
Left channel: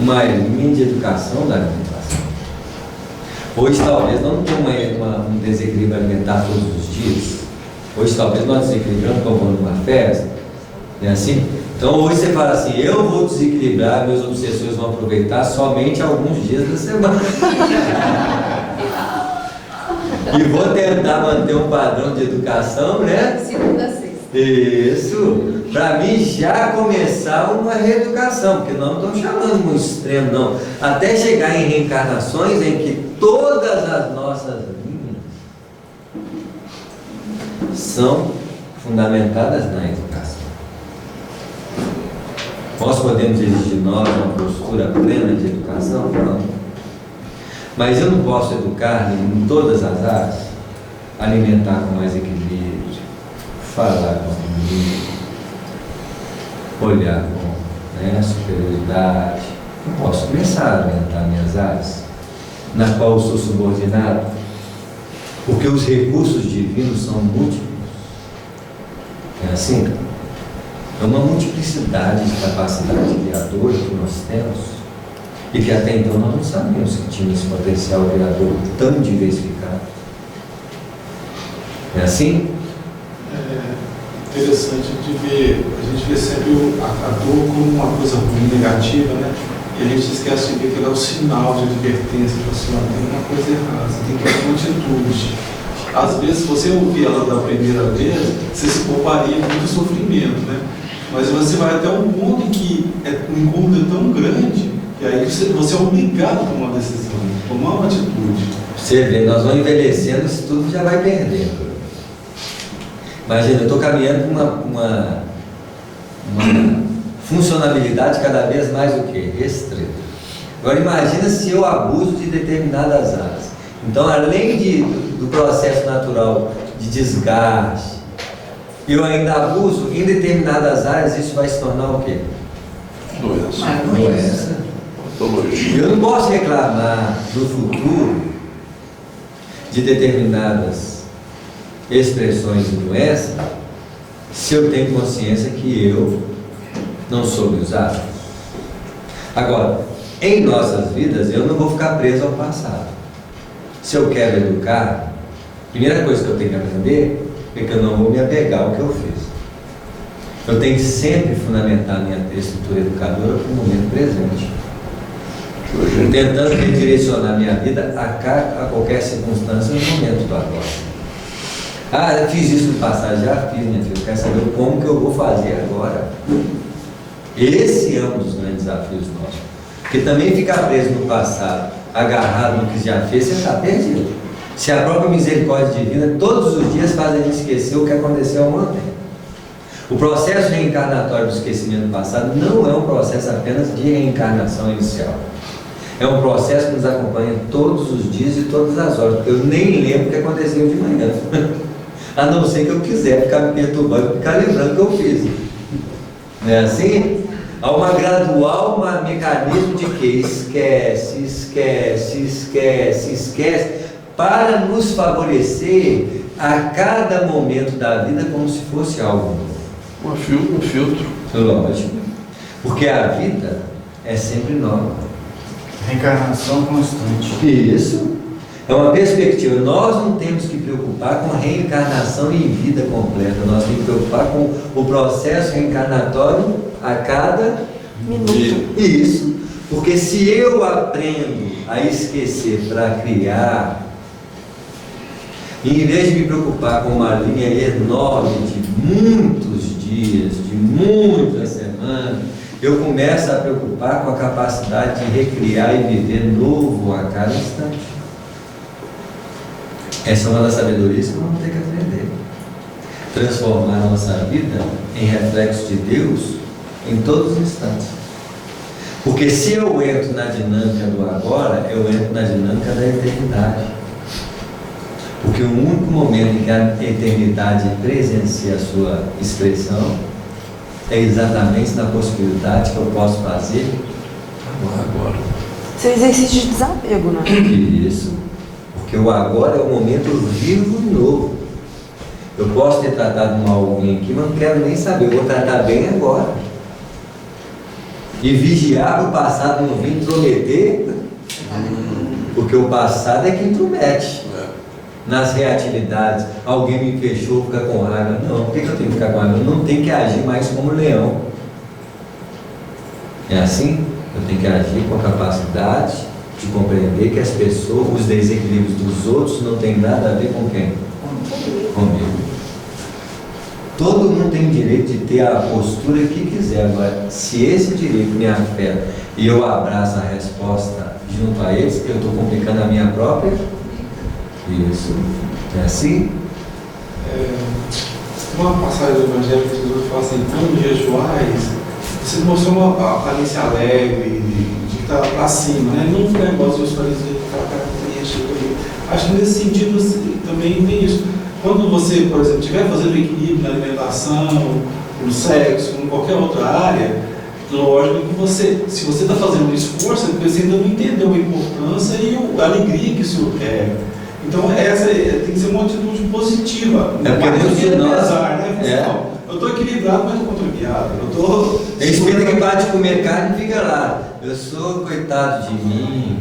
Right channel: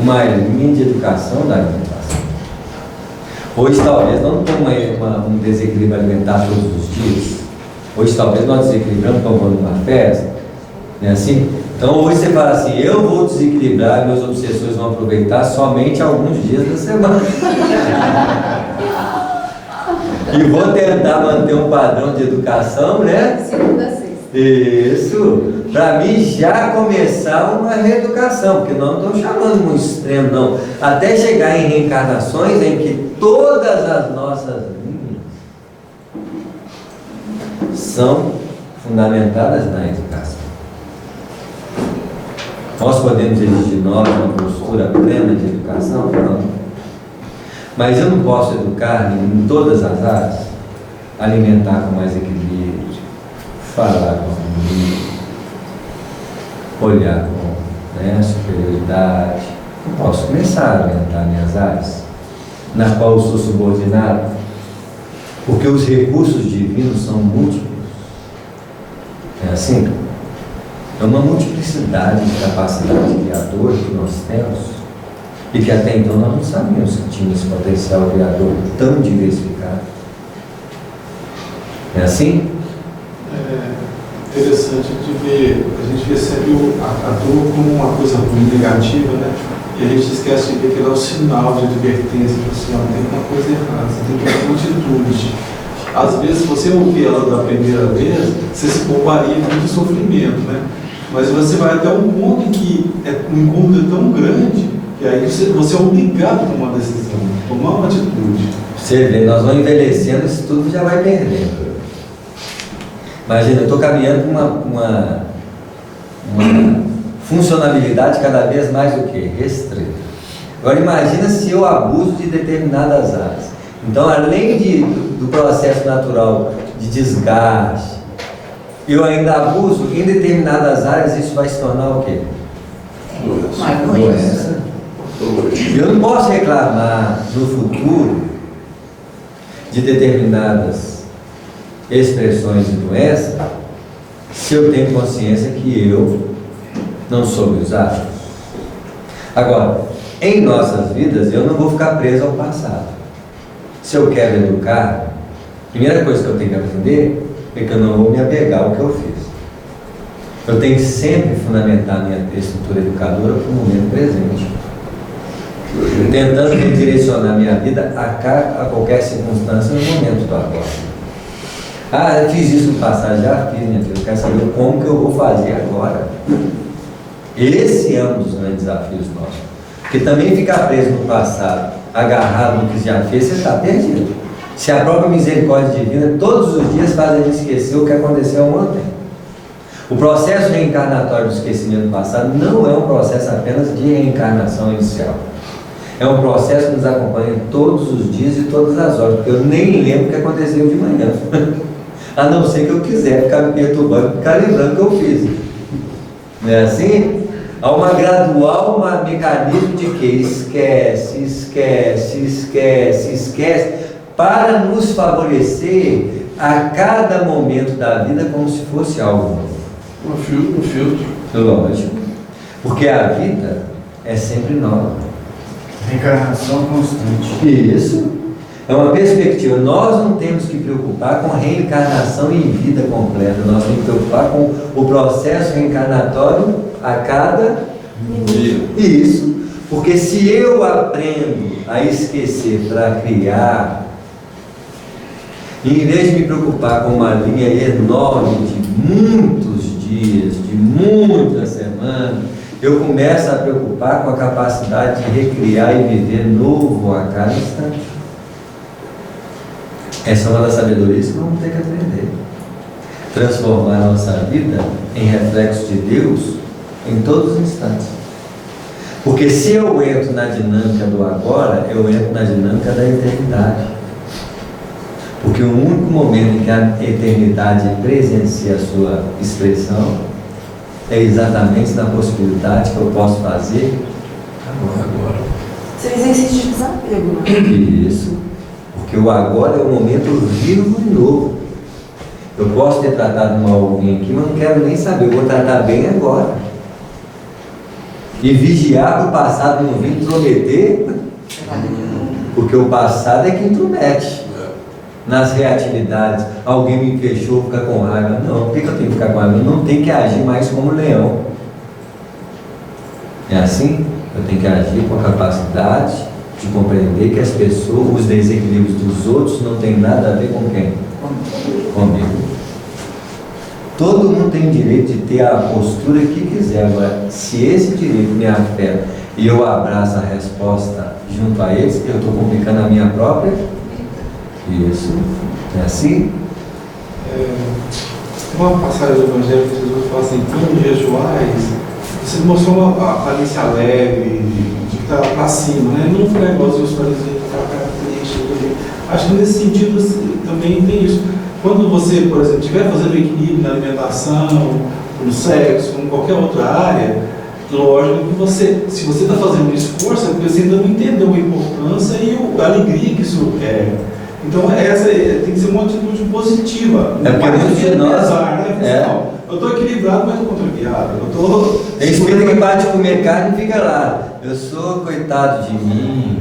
uma linha de educação da alimentação. Hoje talvez não tenha um desequilíbrio alimentar todos os dias. Hoje talvez nós desequilibramos tomando uma festa. Não é assim? Então hoje você fala assim, eu vou desequilibrar, meus obsessores vão aproveitar somente alguns dias da semana. E vou tentar manter um padrão de educação, né? Segunda a sexta. Isso, para mim já começar uma reeducação, porque nós não estamos chamando um extremo, não. Até chegar em reencarnações em que todas as nossas linhas são fundamentadas na educação. Nós podemos exigir de nós uma postura plena de educação? Não. Mas eu não posso educar em todas as áreas, alimentar com mais equilíbrio, falar com harmonia, olhar com superioridade. Eu posso começar a alimentar minhas áreas, na qual eu sou subordinado, porque os recursos divinos são múltiplos. É assim? É uma multiplicidade de capacidade criadora que nós temos e que até então nós não sabíamos que tinha esse potencial criador tão diversificado. É assim? É interessante de ver, a gente vê sempre a dor como uma coisa ruim, negativa, né? E a gente esquece de ver que ela é um sinal de advertência, de assim, ó, tem uma coisa errada, você tem que ter uma atitude. Às vezes, se você ouvir ela da primeira vez, você se pouparia muito sofrimento, né? Mas você vai até um ponto em que o incômodo é tão grande que E aí você é obrigado a tomar uma decisão, tomar uma atitude. Você vê, nós vamos envelhecendo, isso tudo já vai perdendo. Imagina, eu estou caminhando com uma funcionalidade cada vez mais o quê? Restrita. Agora imagina se eu abuso de determinadas áreas. Então, além do processo natural de desgaste, eu ainda abuso em determinadas áreas, isso vai se tornar o quê? Doença. Eu não posso reclamar no futuro de determinadas expressões de doença se eu tenho consciência que eu não soube usar. Agora, em nossas vidas, eu não vou ficar preso ao passado. Se eu quero educar, a primeira coisa que eu tenho que aprender é que eu não vou me apegar ao que eu fiz. Eu tenho que sempre fundamentar a minha estrutura educadora para o momento presente, tentando redirecionar minha vida a qualquer circunstância no momento do agora. Ah, eu fiz isso no passado, já fiz, minha filha, eu quero saber como que eu vou fazer agora. Esse é um dos grandes desafios nossos. Porque também ficar preso no passado, agarrado no que já fez, você está perdido. Se a própria misericórdia divina todos os dias faz a gente esquecer o que aconteceu ontem. O processo reencarnatório do esquecimento do passado não é um processo apenas de reencarnação inicial. É um processo que nos acompanha todos os dias e todas as horas, porque eu nem lembro o que aconteceu de manhã. A não ser que eu quiser ficar me perturbando, ficar lembrando o que eu fiz. Não é assim? Há uma gradual, um mecanismo de que esquece, para nos favorecer a cada momento da vida como se fosse algo novo. Um filtro. Lógico. Porque a vida é sempre nova. Reencarnação constante. Isso. É uma perspectiva. Nós não temos que preocupar com reencarnação em vida completa. Nós temos que preocupar com o processo reencarnatório a cada Dia. Isso. Porque se eu aprendo a esquecer para criar, e em vez de me preocupar com uma linha enorme de muitos dias, de muitas semanas, eu começo a preocupar com a capacidade de recriar e viver novo a cada instante. Essa é uma das sabedorias que vamos ter que aprender. Transformar a nossa vida em reflexo de Deus em todos os instantes. Porque se eu entro na dinâmica do agora, eu entro na dinâmica da eternidade. Porque o único momento em que a eternidade presencia a sua expressão é exatamente na possibilidade que eu posso fazer Agora. Isso é exercício de desapego, né? Isso. Porque o agora é o momento vivo e novo. Eu posso ter tratado mal alguém aqui, mas não quero nem saber. Eu vou tratar bem agora. E vigiar para o passado não vir intrometer, porque o passado é que intromete nas reatividades. Alguém me fechou, fica com raiva. Não, por que eu tenho que ficar com raiva? Eu não tenho que agir mais como leão. É assim? Eu tenho que agir com a capacidade de compreender que as pessoas, os desequilíbrios dos outros não tem nada a ver com quem? Comigo. Todo mundo tem direito de ter a postura que quiser. Agora, se esse direito me afeta e eu abraço a resposta junto a eles, eu estou complicando a minha própria. Isso. É assim? Tem uma passagem do Evangelho que Jesus fala assim: quando jejuais, você mostrou uma aparência alegre, de estar para cima, né? Não foi negócio dos fariseus que estavam ali. Acho que nesse sentido também tem isso. Quando você, por exemplo, estiver fazendo equilíbrio na alimentação, no sexo, em qualquer outra área, lógico que você, se você está fazendo um esforço, é porque você ainda não entendeu a importância e a alegria que isso é. Então, essa tem que ser uma atitude positiva. É porque muitos de nós. Pesar, né? Não, eu estou equilibrado, mas estou contrariado. Tem espírito que para de comer carne e fica lá. Eu sou coitado de mim.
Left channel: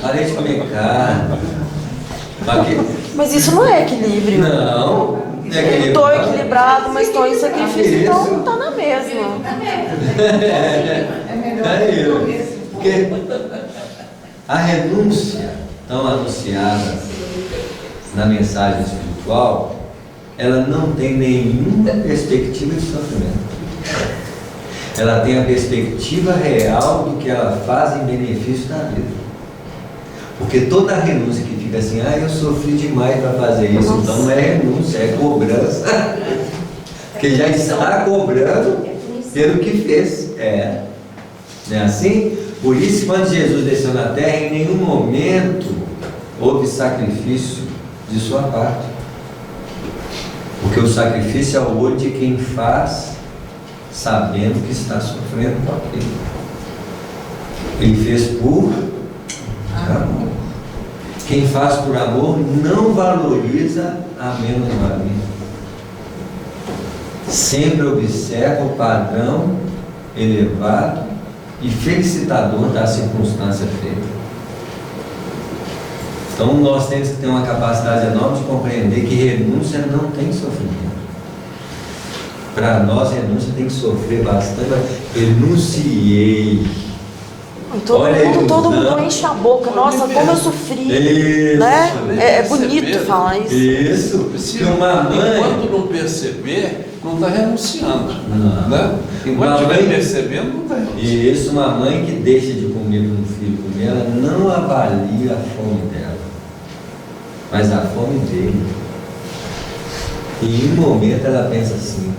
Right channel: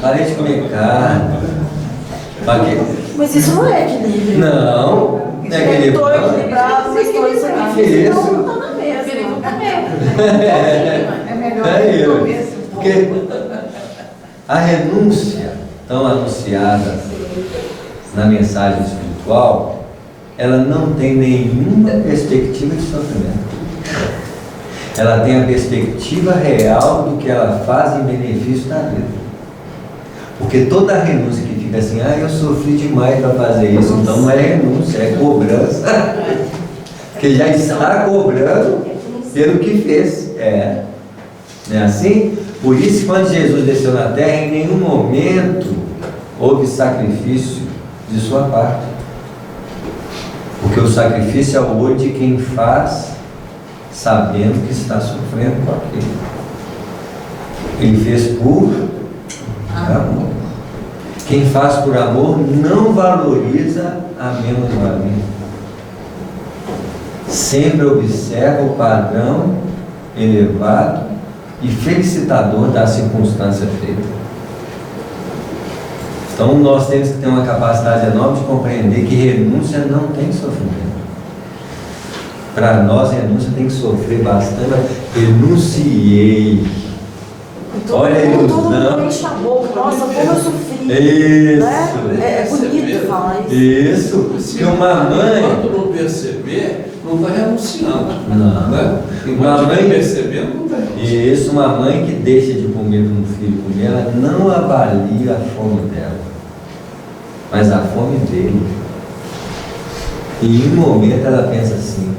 Parei de comer carne. Mas isso não é equilíbrio. Não, não é equilíbrio. Estou equilibrado, mas estou em sacrifício, então não está na mesma. É isso. Porque a renúncia tão anunciada na mensagem espiritual, ela não tem nenhuma perspectiva de sofrimento. ela tem a perspectiva real do que ela faz em benefício da vida. Porque toda renúncia que fica assim, eu sofri demais para fazer isso, então não é renúncia, é cobrança. Porque já está cobrando pelo que fez. Não é assim? Por isso, quando Jesus desceu na terra, em nenhum momento houve sacrifício de sua parte. Porque o sacrifício é o olho de quem faz, sabendo que está sofrendo com aquilo. Ele fez por amor. Quem faz por amor não valoriza a menos-valia. Sempre observa o padrão elevado e felicitador da circunstância feita. Então nós temos que ter uma capacidade enorme de compreender que renúncia não tem sofrimento. Para nós, renúncia tem que sofrer bastante. Renunciei. Olha todo mundo enche a boca. Nossa, como eu sofri. Isso. Né? É bonito falar isso. Isso. Porque uma mãe. Enquanto não perceber, não está renunciando. Não. Né? Enquanto estiver percebendo, não está renunciando. Isso, uma mãe que deixa de comer para um filho comer, ela não avalia a fome dela, mas a fome dele. E em um momento ela pensa assim:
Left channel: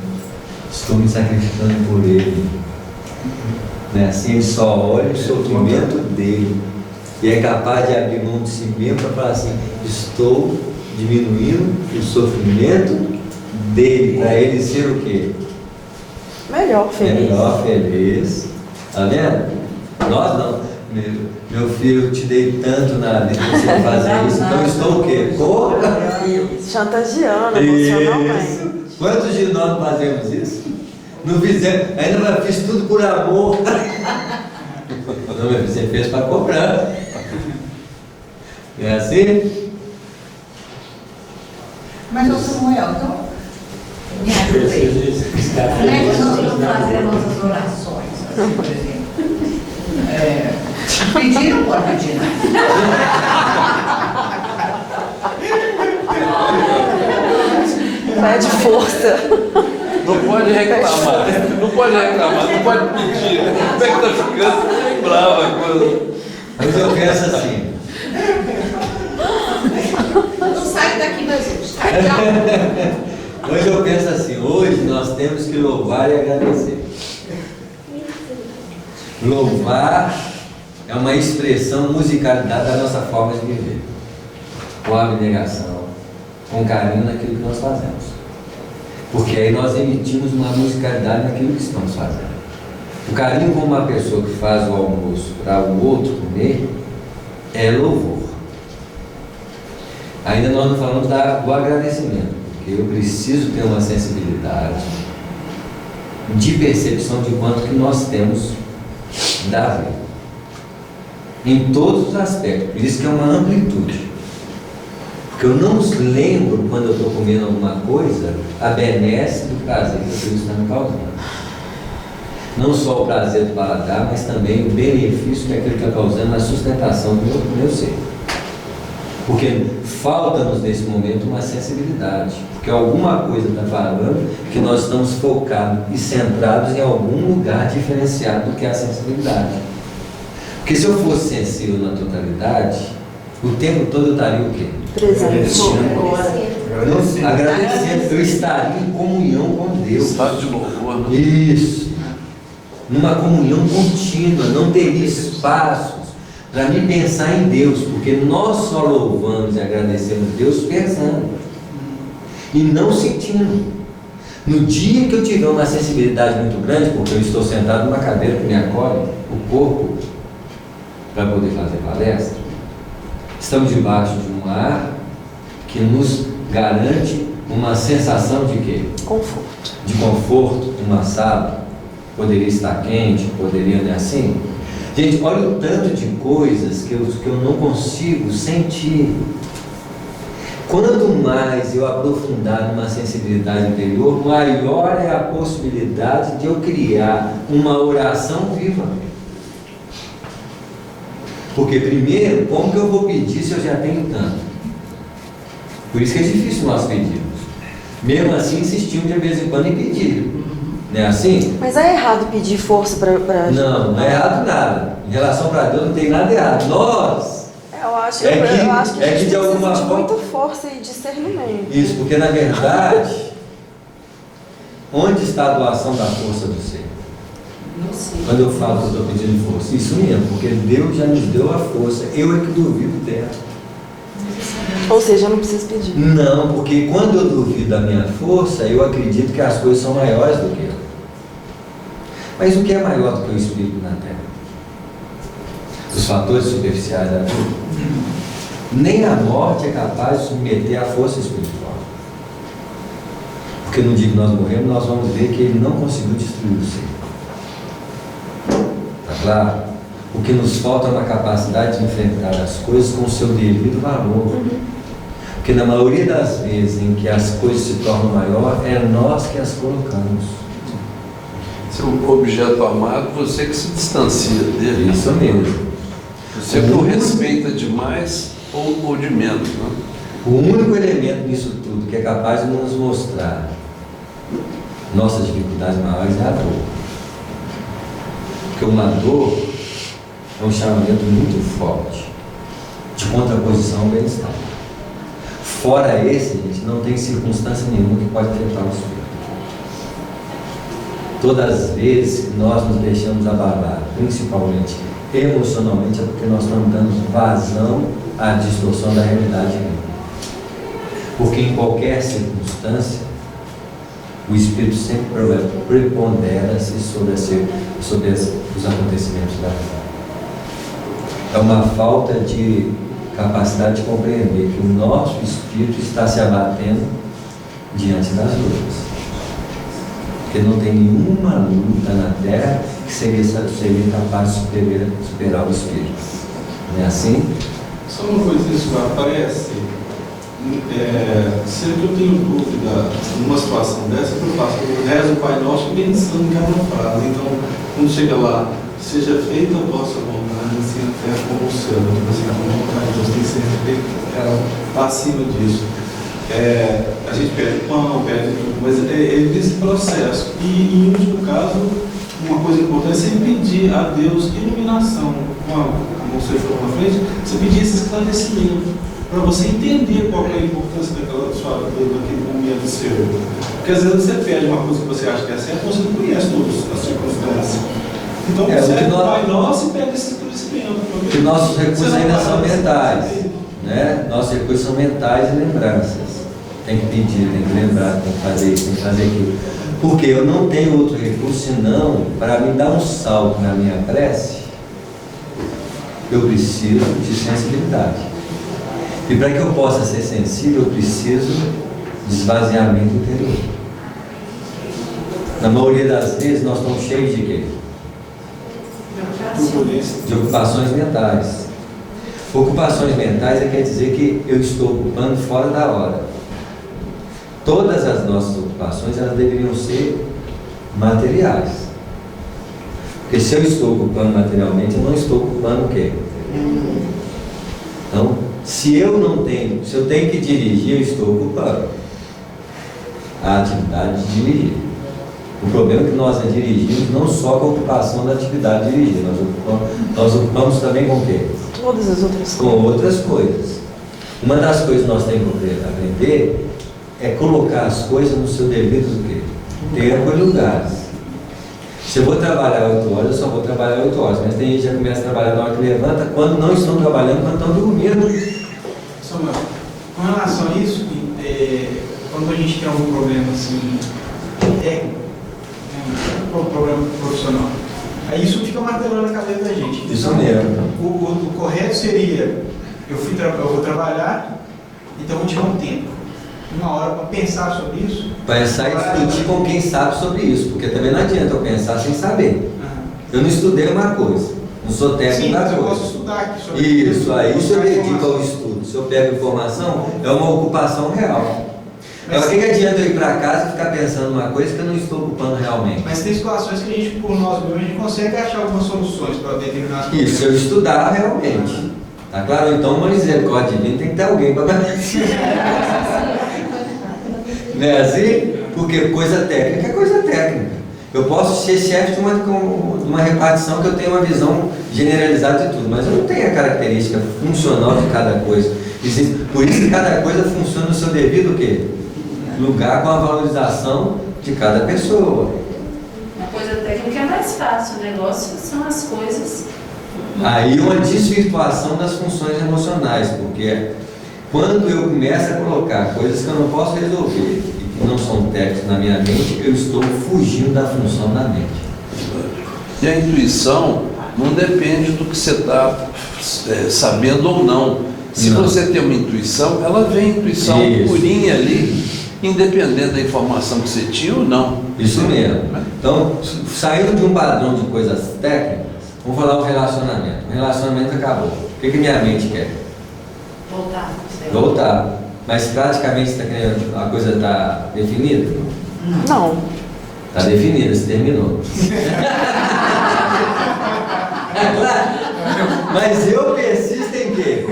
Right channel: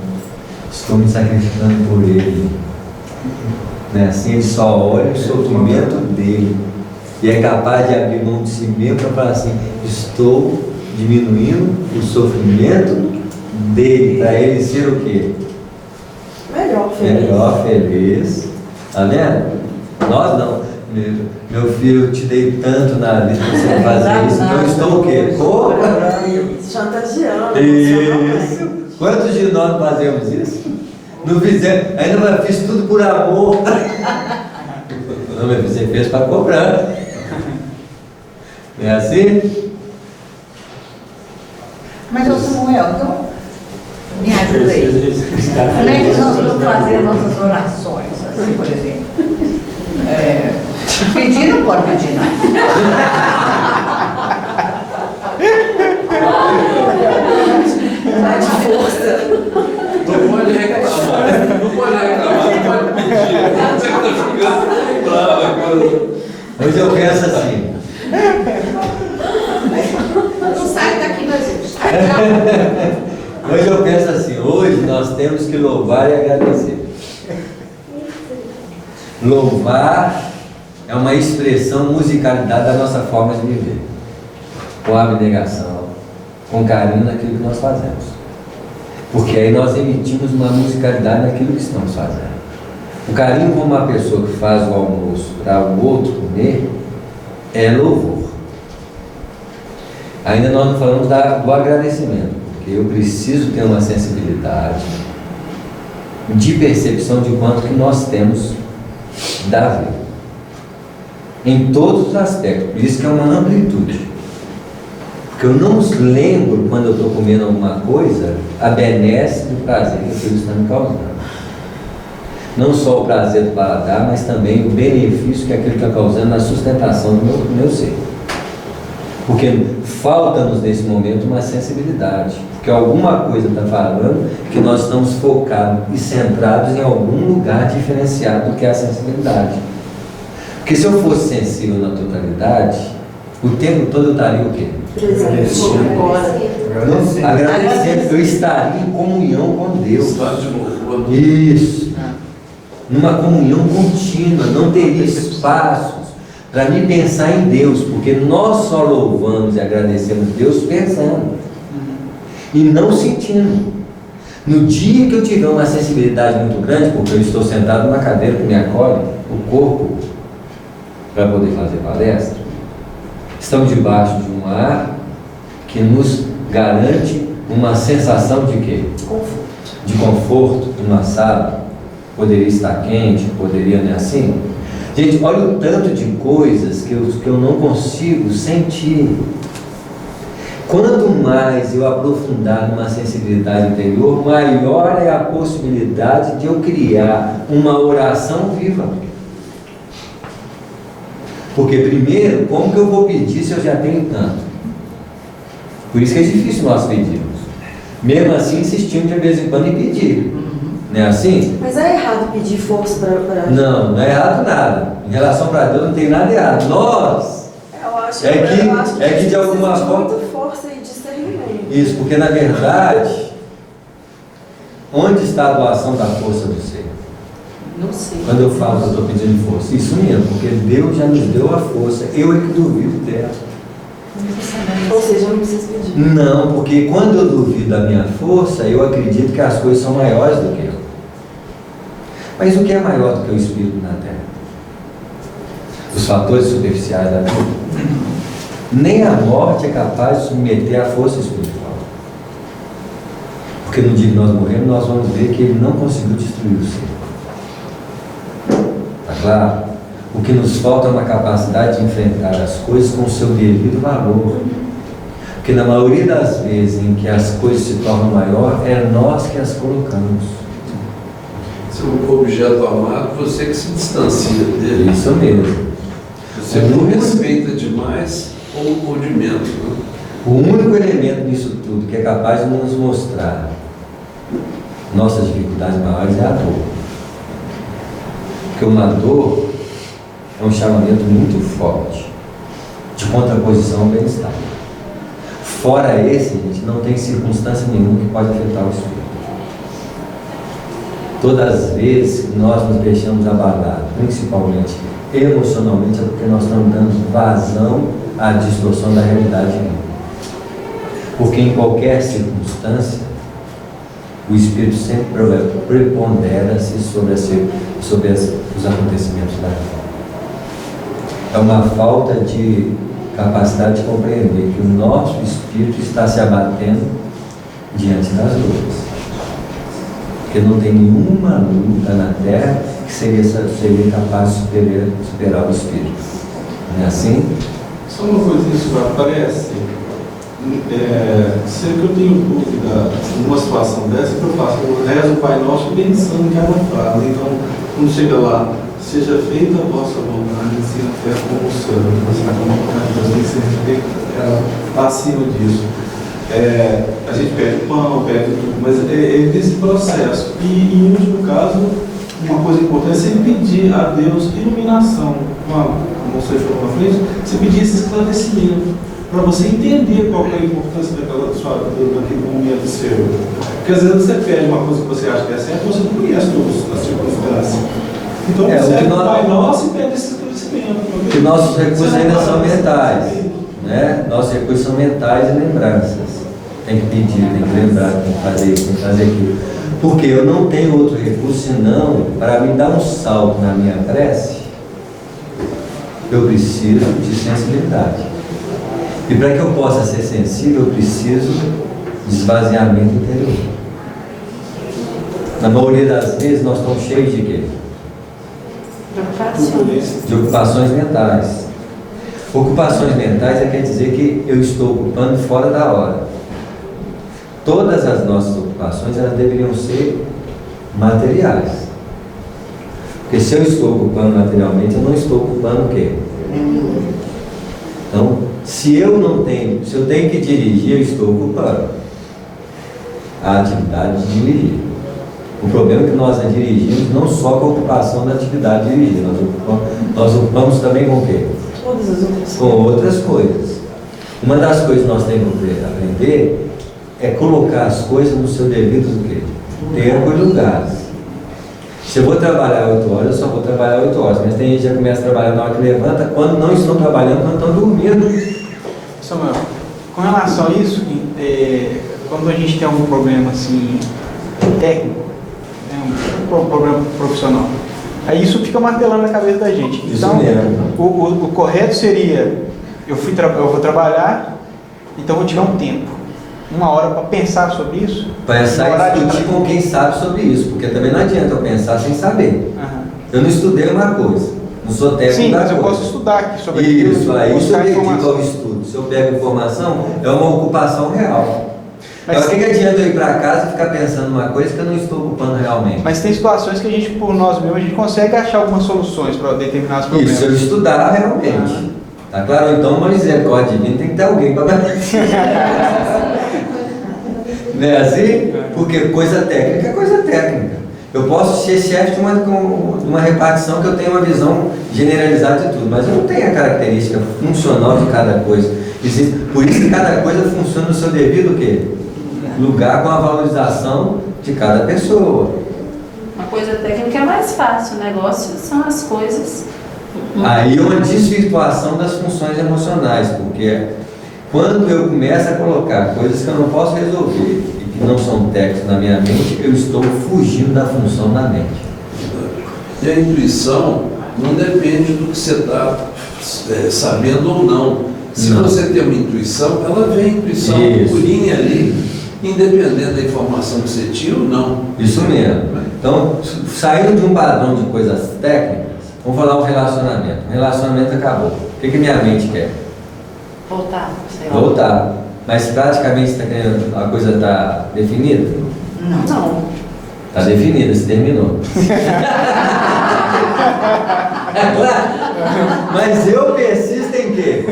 estou me sacrificando por ele. Né? Assim, ele só olha o sofrimento dele e é capaz de abrir mão de si mesmo para falar assim: estou diminuindo o sofrimento dele, para ele ser o quê? Melhor feliz. Melhor feliz. Tá vendo? Nós não. Meu filho, eu te dei tanto na vida que você vai fazer isso, então eu estou o quê? Chantageando. Isso. Quantos de nós fazemos isso? Não fizemos, ainda fiz tudo por amor. Não, meu filho, você fez para cobrar. É assim? Mas, ô Samuel, então, me ajuda aí. Como é que nós vamos fazer nossas orações, assim, por exemplo? Pedir não pode pedir, Pede força. Não pode reclamar, não pode pedir. Como é que está ficando brava a coisa? Hoje eu penso assim. Não sai daqui, meu Deus. Hoje eu penso assim, hoje nós temos que louvar e agradecer. Louvar é uma expressão, musicalidade da nossa forma de viver. Com abnegação, com carinho naquilo que nós fazemos. Porque aí nós emitimos uma musicalidade naquilo que estamos fazendo. O carinho como uma pessoa que faz o almoço para o outro comer é louvor. Ainda nós não falamos do agradecimento, porque eu preciso ter uma sensibilidade de percepção de quanto que nós temos da vida. Em todos os aspectos. Por isso que é uma amplitude. Porque eu não lembro quando eu estou comendo alguma coisa a benesse do prazer que aquilo está me causando. Não só o prazer do paladar, mas também o benefício que aquilo está causando na sustentação do meu ser. Porque falta-nos nesse momento uma sensibilidade. Porque alguma coisa está falando que nós estamos focados e centrados em algum lugar diferenciado do que é a sensibilidade. Porque se eu fosse sensível na totalidade, o tempo todo eu estaria o quê? Agradecendo. Eu estaria em comunhão com Deus. Estado de louvor. Isso. Numa comunhão contínua. Não teria espaços para me pensar em Deus, porque nós só louvamos e agradecemos Deus pensando e não sentindo. No dia que eu tiver uma sensibilidade muito grande, porque eu estou sentado numa cadeira que me acolhe o corpo para poder fazer palestra, estamos debaixo de um ar que nos garante uma sensação de quê? Conforto. De conforto numa sala. Poderia estar quente, poderia, não é assim? Gente, olha o tanto de coisas que eu não consigo sentir. Quanto mais eu aprofundar numa sensibilidade interior, maior é a possibilidade de eu criar uma oração viva. Porque primeiro, como que eu vou pedir se eu já tenho tanto? Por isso que é difícil nós pedirmos. Mesmo assim, insistimos de vez em quando em pedir. Não é assim? Mas é errado pedir força pra... Não é errado nada. Em relação para Deus não tem nada errado. Nós, Eu acho É que- eu acho que é a gente que de alguma precisa de forma- muita força e discernimento. isso, porque na verdade, onde está a doação da força do ser? Não sei. Quando eu falo que eu estou pedindo força, isso mesmo, porque Deus já nos deu a força, eu é que duvido dela. Ou seja, eu não preciso pedir. Não, porque quando eu duvido da minha força, eu acredito que as coisas são maiores do que eu. Mas o que é maior do que o Espírito na Terra? Os fatores superficiais da vida? Nem a morte é capaz de submeter a força espiritual. Porque no dia que nós morremos, nós vamos ver que ele não conseguiu destruir o ser. Está claro? O que nos falta é uma capacidade de enfrentar as coisas com o seu devido valor. Porque na maioria das vezes em que as coisas se tornam maior, é nós que as colocamos. Se é um objeto amado, você que se distancia dele. Isso mesmo. Você não respeita demais ou de menos. Né? O único elemento nisso tudo que é capaz de nos mostrar nossas dificuldades maiores é a dor. Porque uma dor é um chamamento muito forte de contraposição ao bem-estar. Fora esse, gente, não tem circunstância nenhuma que pode afetar o espírito. Todas as vezes que nós nos deixamos abalar, principalmente emocionalmente, é porque nós estamos dando vazão à distorção da realidade. Porque em qualquer circunstância, o espírito sempre prepondera-se sobre os acontecimentos da vida. É uma falta de capacidade de compreender que o nosso espírito está se abatendo diante das lutas. Porque não tem nenhuma luta na Terra que seria capaz de superar o espírito. Não é assim? Só uma coisa que isso aparece, sempre que eu tenho dúvida numa situação dessa, que eu faço, eu rezo o Pai Nosso pensando em cada frase. Então, quando chega lá, seja feita a vossa vontade, assim na terra como o céu. Então, assim, a vontade de Deus tem que ser feita acima disso. A gente pede pão, pede tudo, mas é desse processo. E, em último caso, uma coisa importante é sempre pedir a Deus iluminação. Como você falou na frente, você pedir esse esclarecimento, para você entender qual é a importância daquele momento seu. Porque às vezes você pede uma coisa que você acha que é certa, você não conhece todas as circunstâncias. Então você é o Pai Nosso e pede esse esclarecimento. Porque nossos recursos ainda são mentais. Né? Nossos recursos são mentais e lembranças. Tem que pedir, tem que lembrar, tem que fazer isso, tem que fazer aquilo. Porque eu não tenho outro recurso senão para me dar um salto na minha prece, eu preciso de sensibilidade. E para que eu possa ser sensível, eu preciso de esvaziamento interior. Na maioria das vezes nós estamos cheios de quê? De ocupações mentais. Ocupações mentais quer dizer que eu estou ocupando fora da hora. Todas as nossas ocupações, elas deveriam ser materiais. Porque se eu estou ocupando materialmente, eu não estou ocupando o quê? Então, se eu tenho que dirigir, eu estou ocupando a atividade de dirigir. O problema é que nós a dirigimos não só com a ocupação da atividade de dirigir, nós ocupamos também com o quê? Todas as outras Com outras coisas. Uma das coisas que nós temos que aprender é colocar as coisas no seu devido tempo e lugares. Se eu vou trabalhar 8 horas, eu só vou trabalhar 8 horas. Mas tem gente que já começa a trabalhar na hora que levanta, quando não estão trabalhando, quando estão dormindo. Samuel, com relação a isso, quando a gente tem algum problema assim, técnico, um problema profissional, aí isso fica martelando na cabeça da gente. Isso Então, mesmo. o correto seria, eu vou trabalhar, então vou tirar um tempo. 1 hora para pensar sobre isso. Pensar e discutir com quem sabe sobre isso, porque também não adianta eu pensar sem saber. Eu não estudei uma coisa, não sou técnico. Sim, da mas eu coisa. posso estudar aqui sobre isso. Aí isso eu dedico informação. ao estudo. Se eu pego informação, é uma ocupação real. Mas Agora, o que adianta eu ir para casa e ficar pensando numa coisa que eu não estou ocupando realmente? Mas tem situações que a gente, por nós mesmos, a gente consegue achar algumas soluções para determinados problemas. Isso, se eu estudar realmente. Tá claro? Então, uma misericórdia divina tem que ter alguém para Não é assim? Porque coisa técnica é coisa técnica. Eu posso ser chefe de uma repartição que eu tenho uma visão generalizada de tudo, mas eu não tenho a característica funcional de cada coisa. Por isso que cada coisa funciona no seu devido o quê? Lugar, com a valorização de cada pessoa. Uma coisa técnica é mais fácil, o negócio são as coisas. Aí uma desvirtuação das funções emocionais, porque quando eu começo a colocar coisas que eu não posso resolver e que não são técnicas na minha mente, eu estou fugindo da função da mente. E a intuição não depende do que você está sabendo ou não. Se Não. você tem uma intuição, ela vem intuição Isso. purinha ali, independente da informação que você tinha ou não. Isso mesmo. Então, saindo de um padrão de coisas técnicas, vamos falar um relacionamento. O relacionamento acabou. O que minha mente quer? Voltar. sei lá. Voltar. Mas praticamente a coisa está definida? Não. Está definida, se terminou. É claro. Mas eu persisto em quê?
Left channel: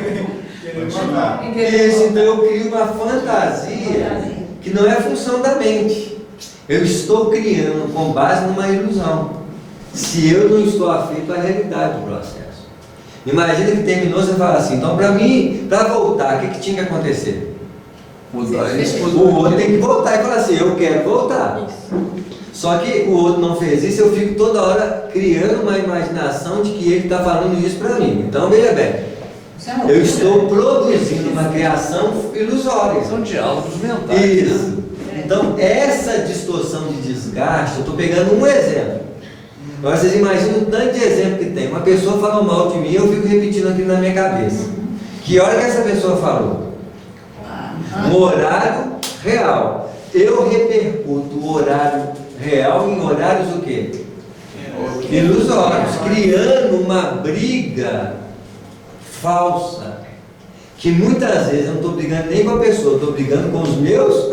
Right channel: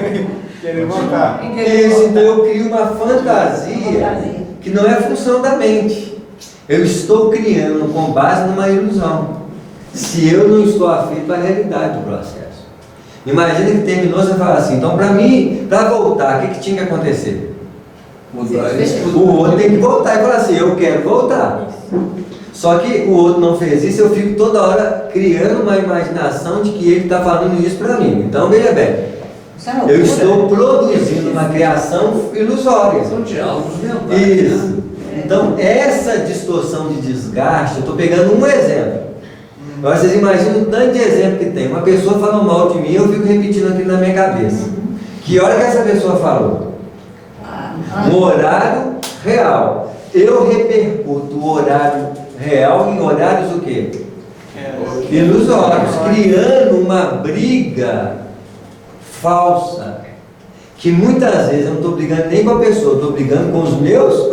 Querer voltar. Isso, então eu crio uma fantasia que não é função da mente. Eu estou criando com base numa ilusão. Se eu não estou afeito à realidade do processo. Imagina que terminou, você fala assim, então para mim, para voltar, o que tinha que acontecer? Mudar isso. O outro tem que voltar e falar assim, eu quero voltar. Só que o outro não fez isso, eu fico toda hora criando uma imaginação de que ele está falando isso para mim. Então, veja bem, eu estou produzindo uma criação ilusória. São diálogos mentais. Isso. Então, essa distorção de desgaste, eu estou pegando um exemplo. Agora, vocês imaginam o tanto de exemplo que tem. Uma pessoa falou mal de mim, eu fico repetindo aquilo na minha cabeça. Que hora que essa pessoa falou? No horário real. Eu repercuto o horário real em horários o quê? Ilusórios, criando uma briga falsa, que muitas vezes eu não estou brigando nem com a pessoa, estou brigando com os meus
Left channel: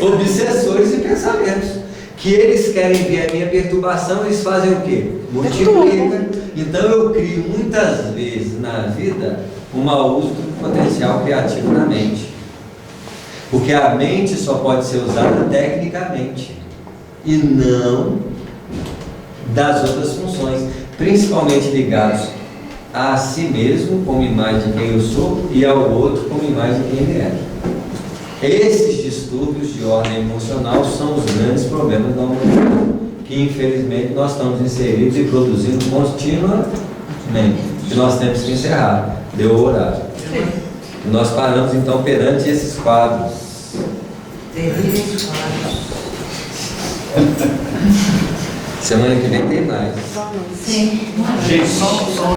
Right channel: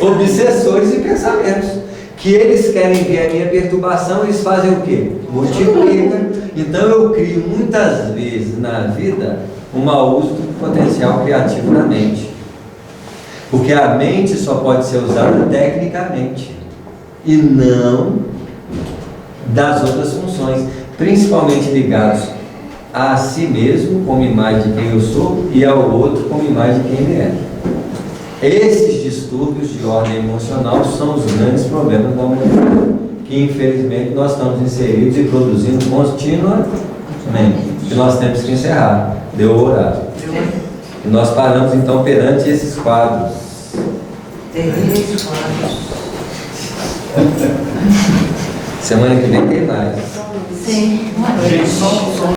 obsessores e pensamentos, que eles querem ver a minha perturbação, eles fazem o quê? Multiplicam. Então eu crio muitas vezes na vida um mau uso do potencial criativo na mente, porque a mente só pode ser usada tecnicamente e não das outras funções, principalmente ligados a si mesmo como imagem de quem eu sou e ao outro como imagem de quem ele é. Esses distúrbios de ordem emocional são os grandes problemas da humanidade, que infelizmente nós estamos inseridos e produzindo continuamente. Que nós temos que encerrar. Deu o horário. E nós paramos então perante esses quadros. Semana que vem tem mais. Sim. Gente, só